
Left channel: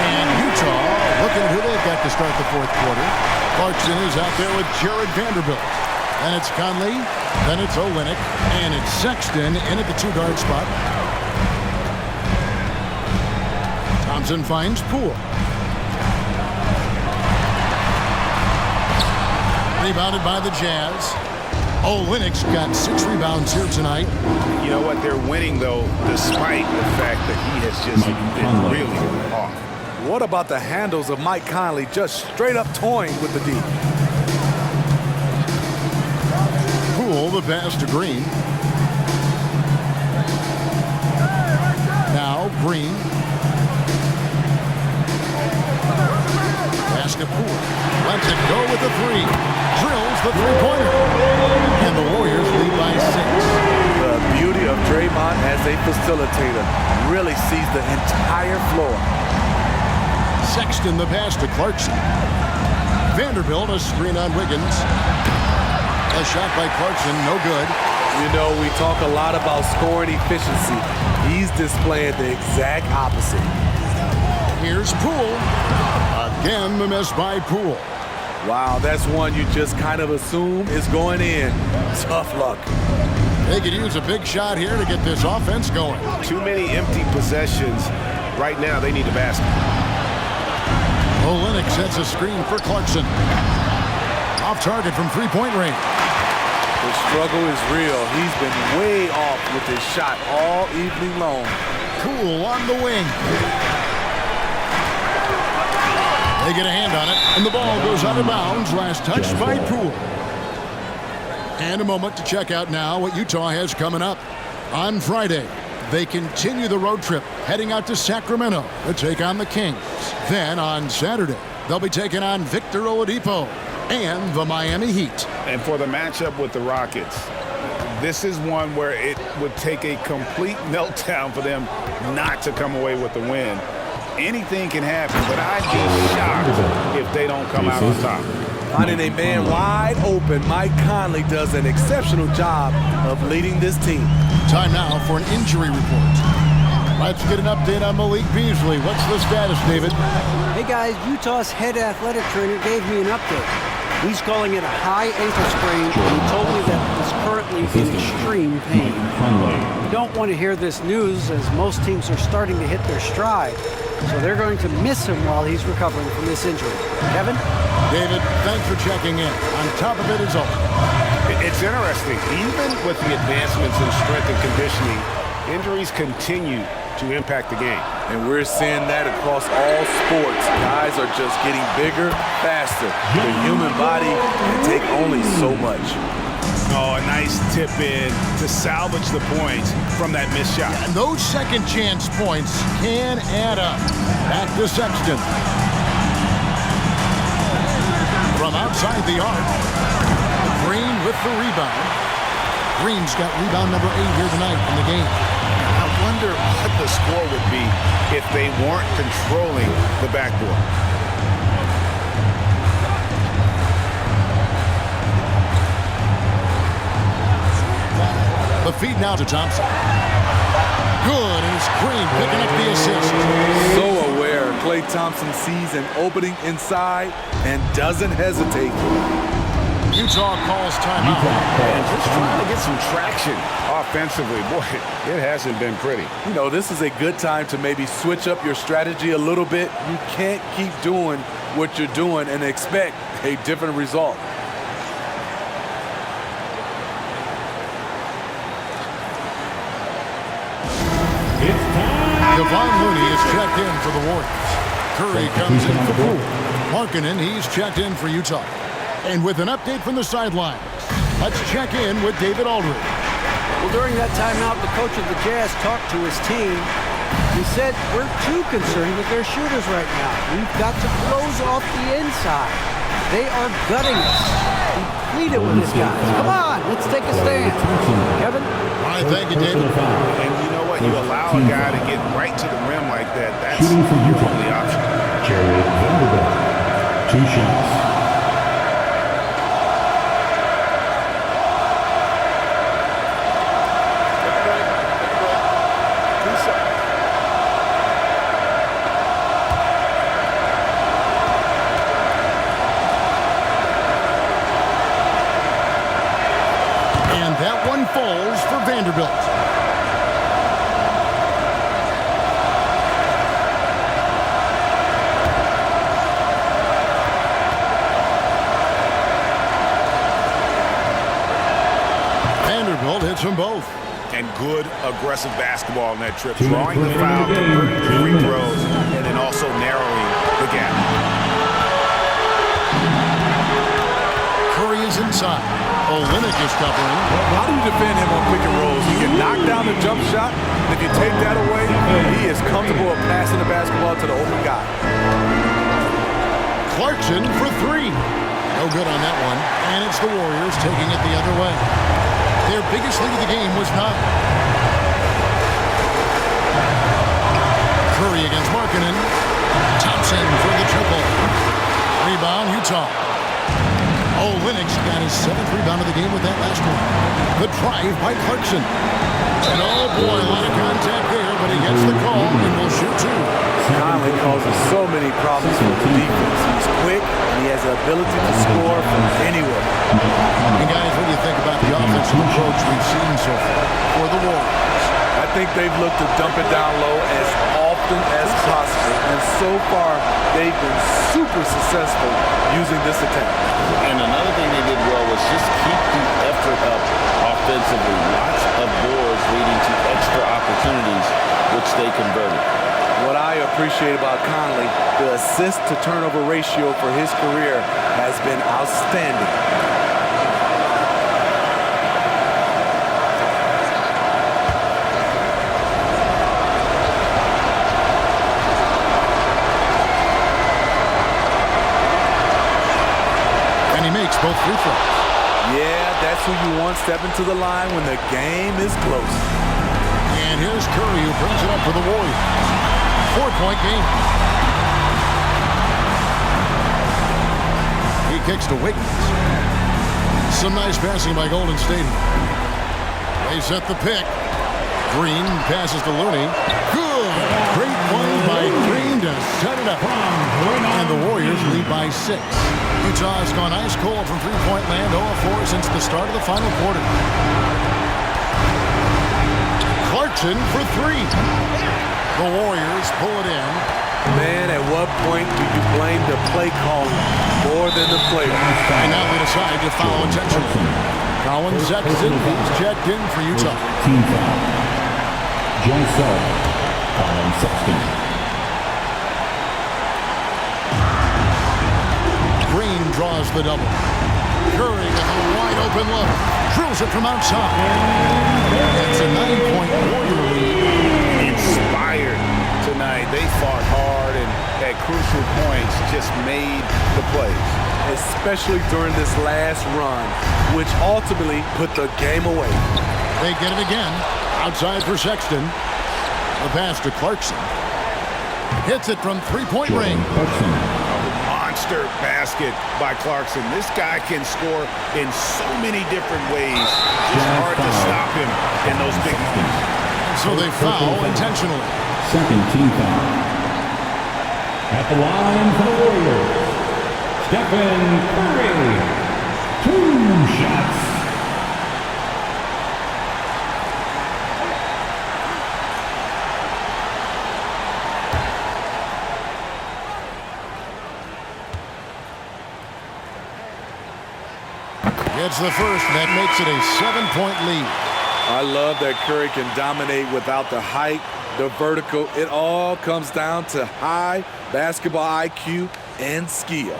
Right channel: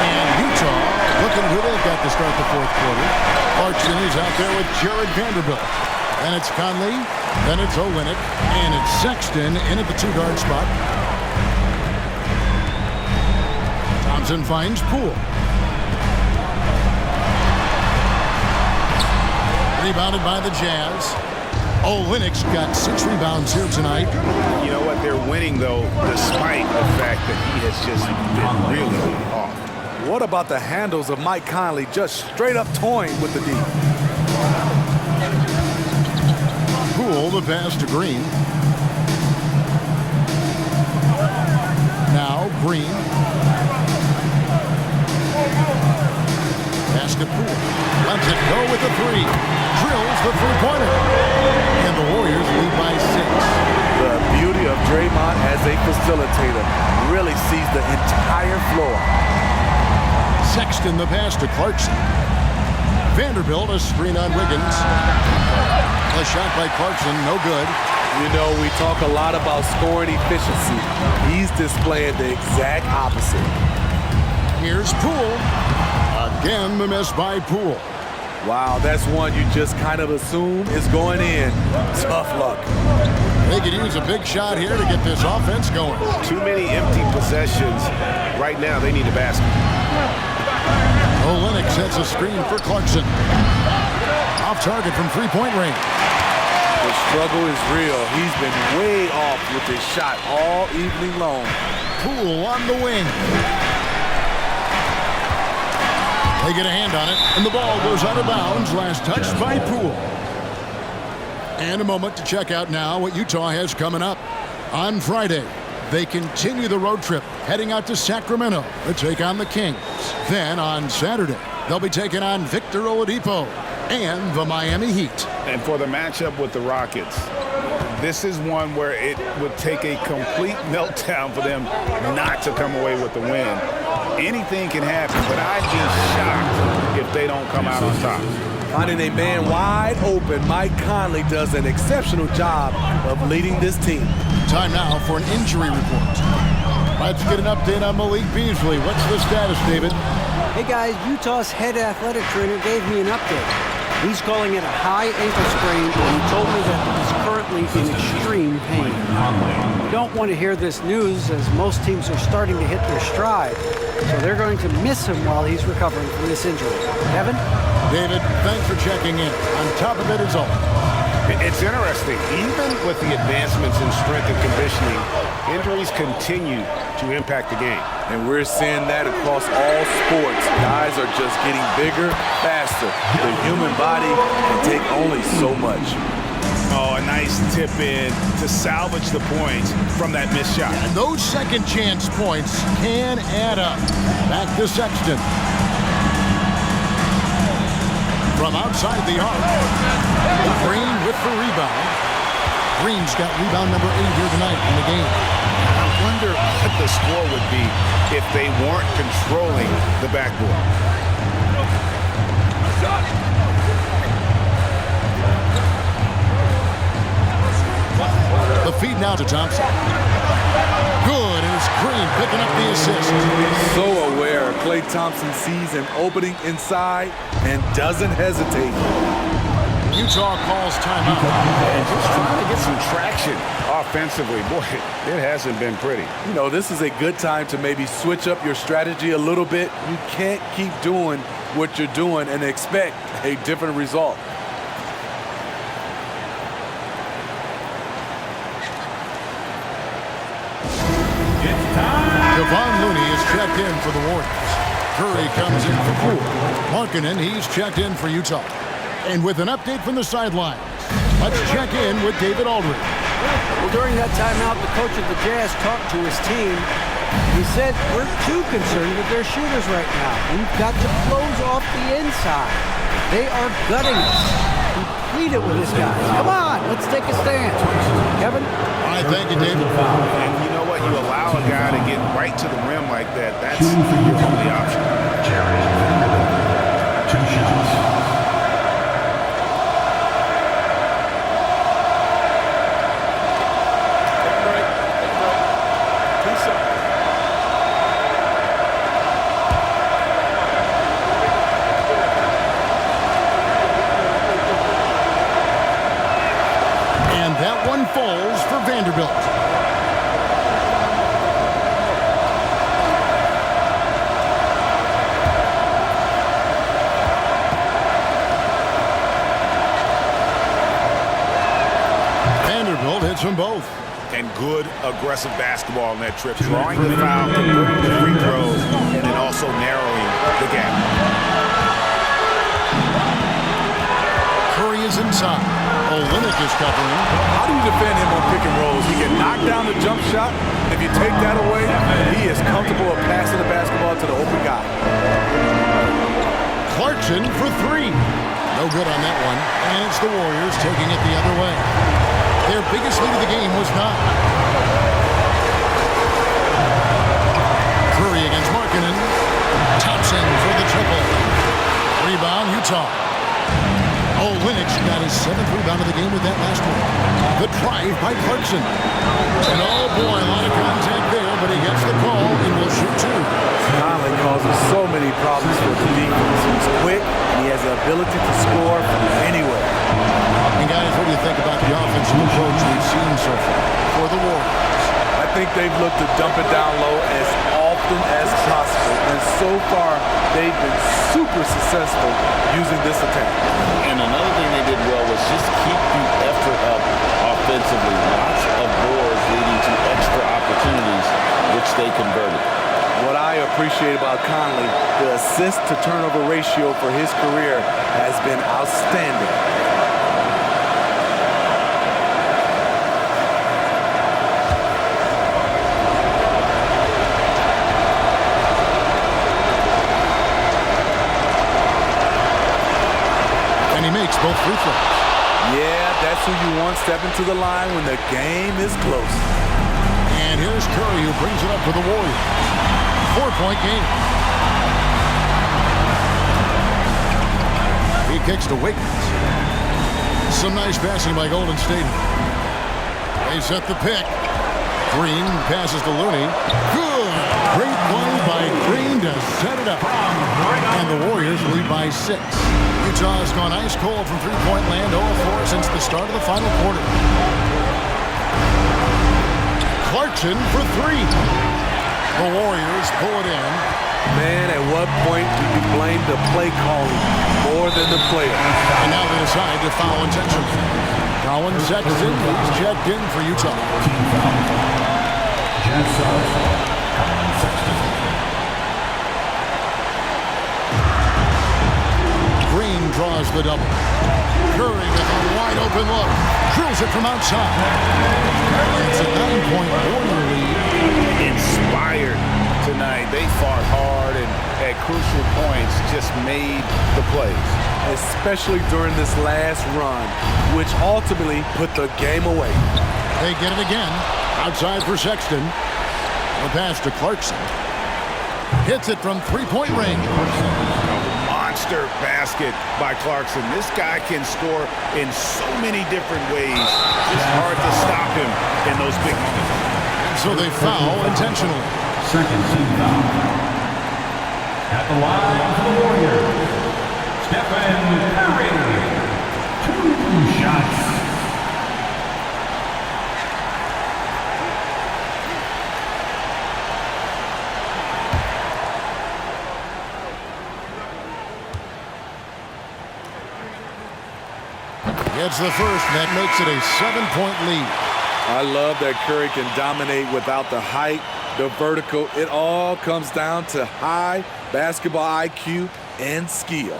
And Utah looking at who they've got to start the fourth quarter. Clarkson is out there with Jared Vanderbilt. Then it's Conley. Then it's Olynyk. And it's Sexton in at the 2-guard spot. Thompson finds Poole. Rebounded by the Jazz. Olynyk's got 6 rebounds here tonight. You know what? They're winning, though, despite the fact that he has just been really off. What about the handles of Mike Conley just straight up toying with the D? Poole, the pass to Green. Now Green. Pass to Poole. Lets it go with the 3. Drills the 3-pointer. And the Warriors lead by 6. The beauty of Draymond as a facilitator really sees the entire floor. Sexton the pass to Clarkson. Vanderbilt a screen on Wiggins. A shot by Clarkson, no good. You know, we talk a lot about scoring efficiency. He's displaying the exact opposite. Here's Poole. Again, the miss by Poole. Wow, that's one you just kind of assume is going in. Tough luck. They could use a big shot here to get this offense going. Too many empty possessions. Right now, they need a basket. Olynyk sets a screen for Clarkson. Off target from 3-point range. The struggle is real. He's been way off with his shot all evening long. Poole on the wing. They get a hand on it, and the ball goes out of bounds. Last touched by Poole. And a moment to check out now what Utah has coming up. On Friday, they continue the road trip, heading out to Sacramento to take on the Kings. Then on Saturday, they'll be taking on Victor Oladipo and the Miami Heat. And for the matchup with the Rockets, this is one where it would take a complete meltdown for them not to come away with the win. Anything can happen, but I'd be shocked if they don't come out on top. Finding a man wide open, Mike Conley does an exceptional job of leading this team. Time now for an injury report. Let's get an update on Malik Beasley. What's the status, David? Hey guys, Utah's head athletic trainer gave me an update. He's calling it a high ankle sprain, and he told me that he's currently in extreme pain. You don't want to hear this news, as most teams are starting to hit their stride, so they're going to miss him while he's recovering from this injury. Kevin? David, thanks for checking in. On top of it is all. It's interesting. Even with the advancements in strength and conditioning, injuries continue to impact the game. And we're seeing that across all sports. Guys are just getting bigger, faster. The human body can take only so much. Oh, a nice tip in to salvage the points from that missed shot. And those second chance points can add up. Back to Sexton. From outside the arc, Green with the rebound. Green's got rebound number 8 here tonight in the game. I wonder what the score would be if they weren't controlling the backboard. The feed now to Thompson. Good, and it's Green picking up the assist. So aware. Klay Thompson sees an opening inside and doesn't hesitate. Utah calls timeout. And just trying to get some traction offensively. Boy, it hasn't been pretty. You know, this is a good time to maybe switch up your strategy a little bit. You can't keep doing what you're doing and expect a different result. It's time. Kevon Looney is checked in for the Warriors. Curry comes in for Poole. Markkanen, he's checked in for Utah. And with an update from the sidelines, let's check in with David Aldridge. Well, during that timeout, the coach of the Jazz talked to his team. He said, we're too concerned with their shooters right now. We've got to close off the inside. They are gutting us. He pleaded with his guys. Come on, let's take a stand. Kevin? All right, thank you, David. And you know what? You allow a guy to get right to the rim like that. That's your only option. Jared Vanderbilt. 2 shots. And that one falls for Vanderbilt. Vanderbilt hits them both. And good aggressive basketball on that trip. Drawing the foul, converting the free throws, and then also narrowing the gap. Curry is inside. Olynyk is covering. How do you defend him on pick and rolls? He can knock down the jump shot, and if you take that away, he is comfortable at passing the basketball to the open guy. Clarkson for 3. No good on that one. And it's the Warriors taking it the other way. Their biggest lead of the game was 9. Curry against Markkanen. Thompson for the triple. Rebound, Utah. Olynyk's got his 7th rebound of the game with that last one. The drive by Clarkson. And oh boy, a lot of contact there, but he gets the call and will shoot 2. Conley causes so many problems for the defense. He's quick, and he has the ability to score from anywhere. And guys, what do you think about the offensive approach we've seen so far for the Warriors? I think they've looked to dump it down low as often as possible, and so far they've been super successful using this attack. And another thing they did well was just keep the effort up offensively. Lots of boards leading to extra opportunities, which they converted. What I appreciate about Conley, the assist-to-turnover ratio for his career has been outstanding. And he makes both free throws. Yeah, that's who you want stepping to the line when the game is close. And here's Curry who brings it up for the Warriors. 4-point game. He kicks to Wiggins. Some nice passing by Golden State. They set the pick. Green passes to Looney. Good. Great play by Green to set it up. And the Warriors lead by 6. Utah has gone ice cold from three-point land, 0-4 since the start of the final quarter. Clarkson for 3. The Warriors pull it in. Man, at what point do you blame the play calling more than the player? And now they decide to foul intentionally. Colin Sexton, he's checked in for Utah. Team foul. Jazz sub. Colin Sexton. Green draws the double. Curry with a wide open look. Drills it from outside. And it's a 9-point Warrior lead. Inspired tonight. They fought hard and at crucial points just made the plays. Especially during this last run, which ultimately put the game away. They get it again. Outside for Sexton. The pass to Clarkson. Hits it from three-point range. monster basket by Clarkson. This guy can score in so many different ways. Just hard to stop him in those big moments. And so they foul intentionally. Second team foul. At the line for the Warriors, Stephen Curry. 2 shots. Gets the first, and that makes it a 7-point lead. I love that Curry can dominate without the height, the vertical. It all comes down to high basketball IQ and skill.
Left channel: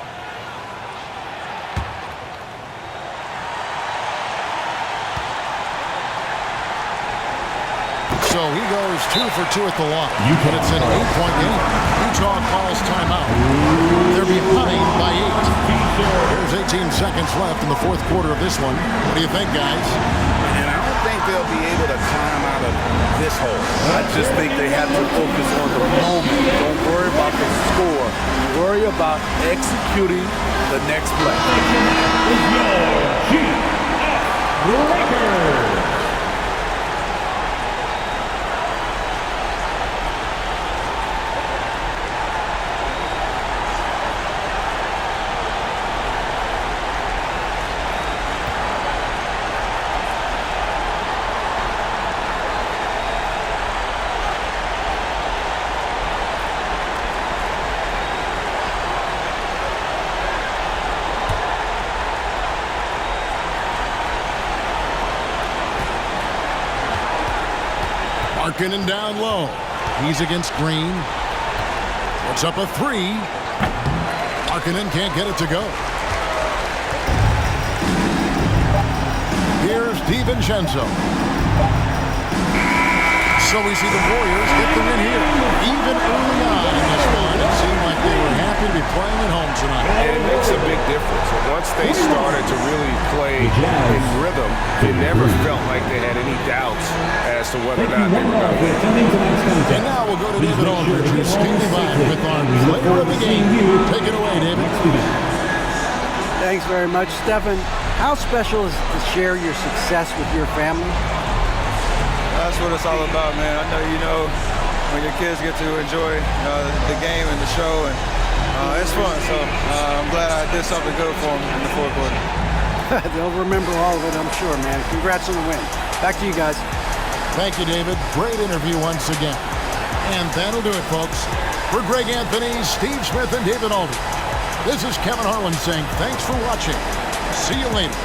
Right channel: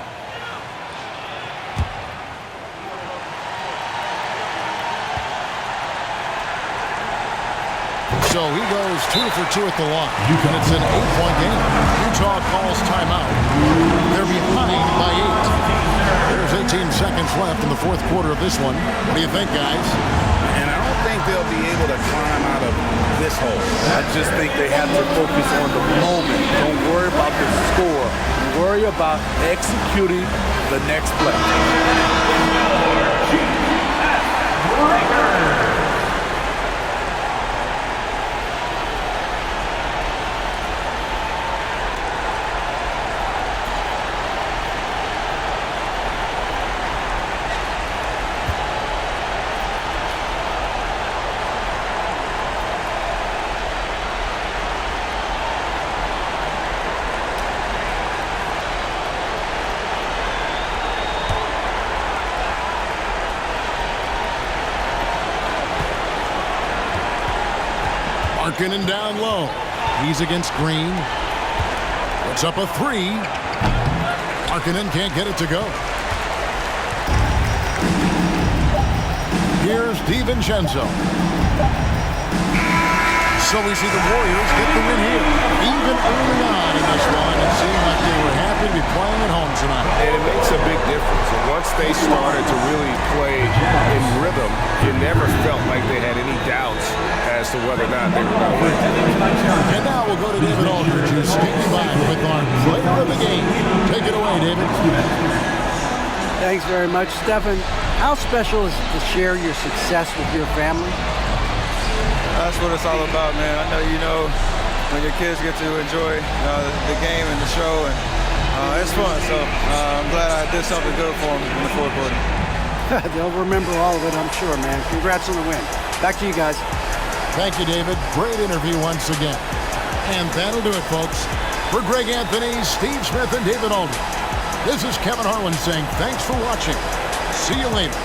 So he goes 2 for 2 at the line, and it's an 8-point game. Utah calls timeout. They're behind by 8. There's 18 seconds left in the fourth quarter of this one. What do you think, guys? And I don't think they'll be able to climb out of this hole. I just think they have to focus on the moment. Don't worry about the score. Worry about executing the next play. Breakers. Markkanen down low. He's against Green. Puts up a 3. Markkanen can't get it to go. Here's DiVincenzo. So we see the Warriors get the win here. Even early on in this one, it seemed like they were happy to be playing at home tonight. And it makes a big difference. And once they started to really play in rhythm, it never felt like they had any doubts as to whether or not they were going to win. And now we'll go to David Aldridge, who's standing by with our player of the game. Take it away, David. Thanks very much, Stephen. How special is it to share your success with your family? That's what it's all about, man. I know you know when your kids get to enjoy the game and the show, and it's fun. So I'm glad I did something good for them in the fourth quarter. They'll remember all of it, I'm sure, man. Congrats on the win. Back to you guys. Thank you, David. Great interview once again. And that'll do it, folks. For Greg Anthony, Steve Smith, and David Aldridge, this is Kevin Harlan saying thanks for watching. See you later.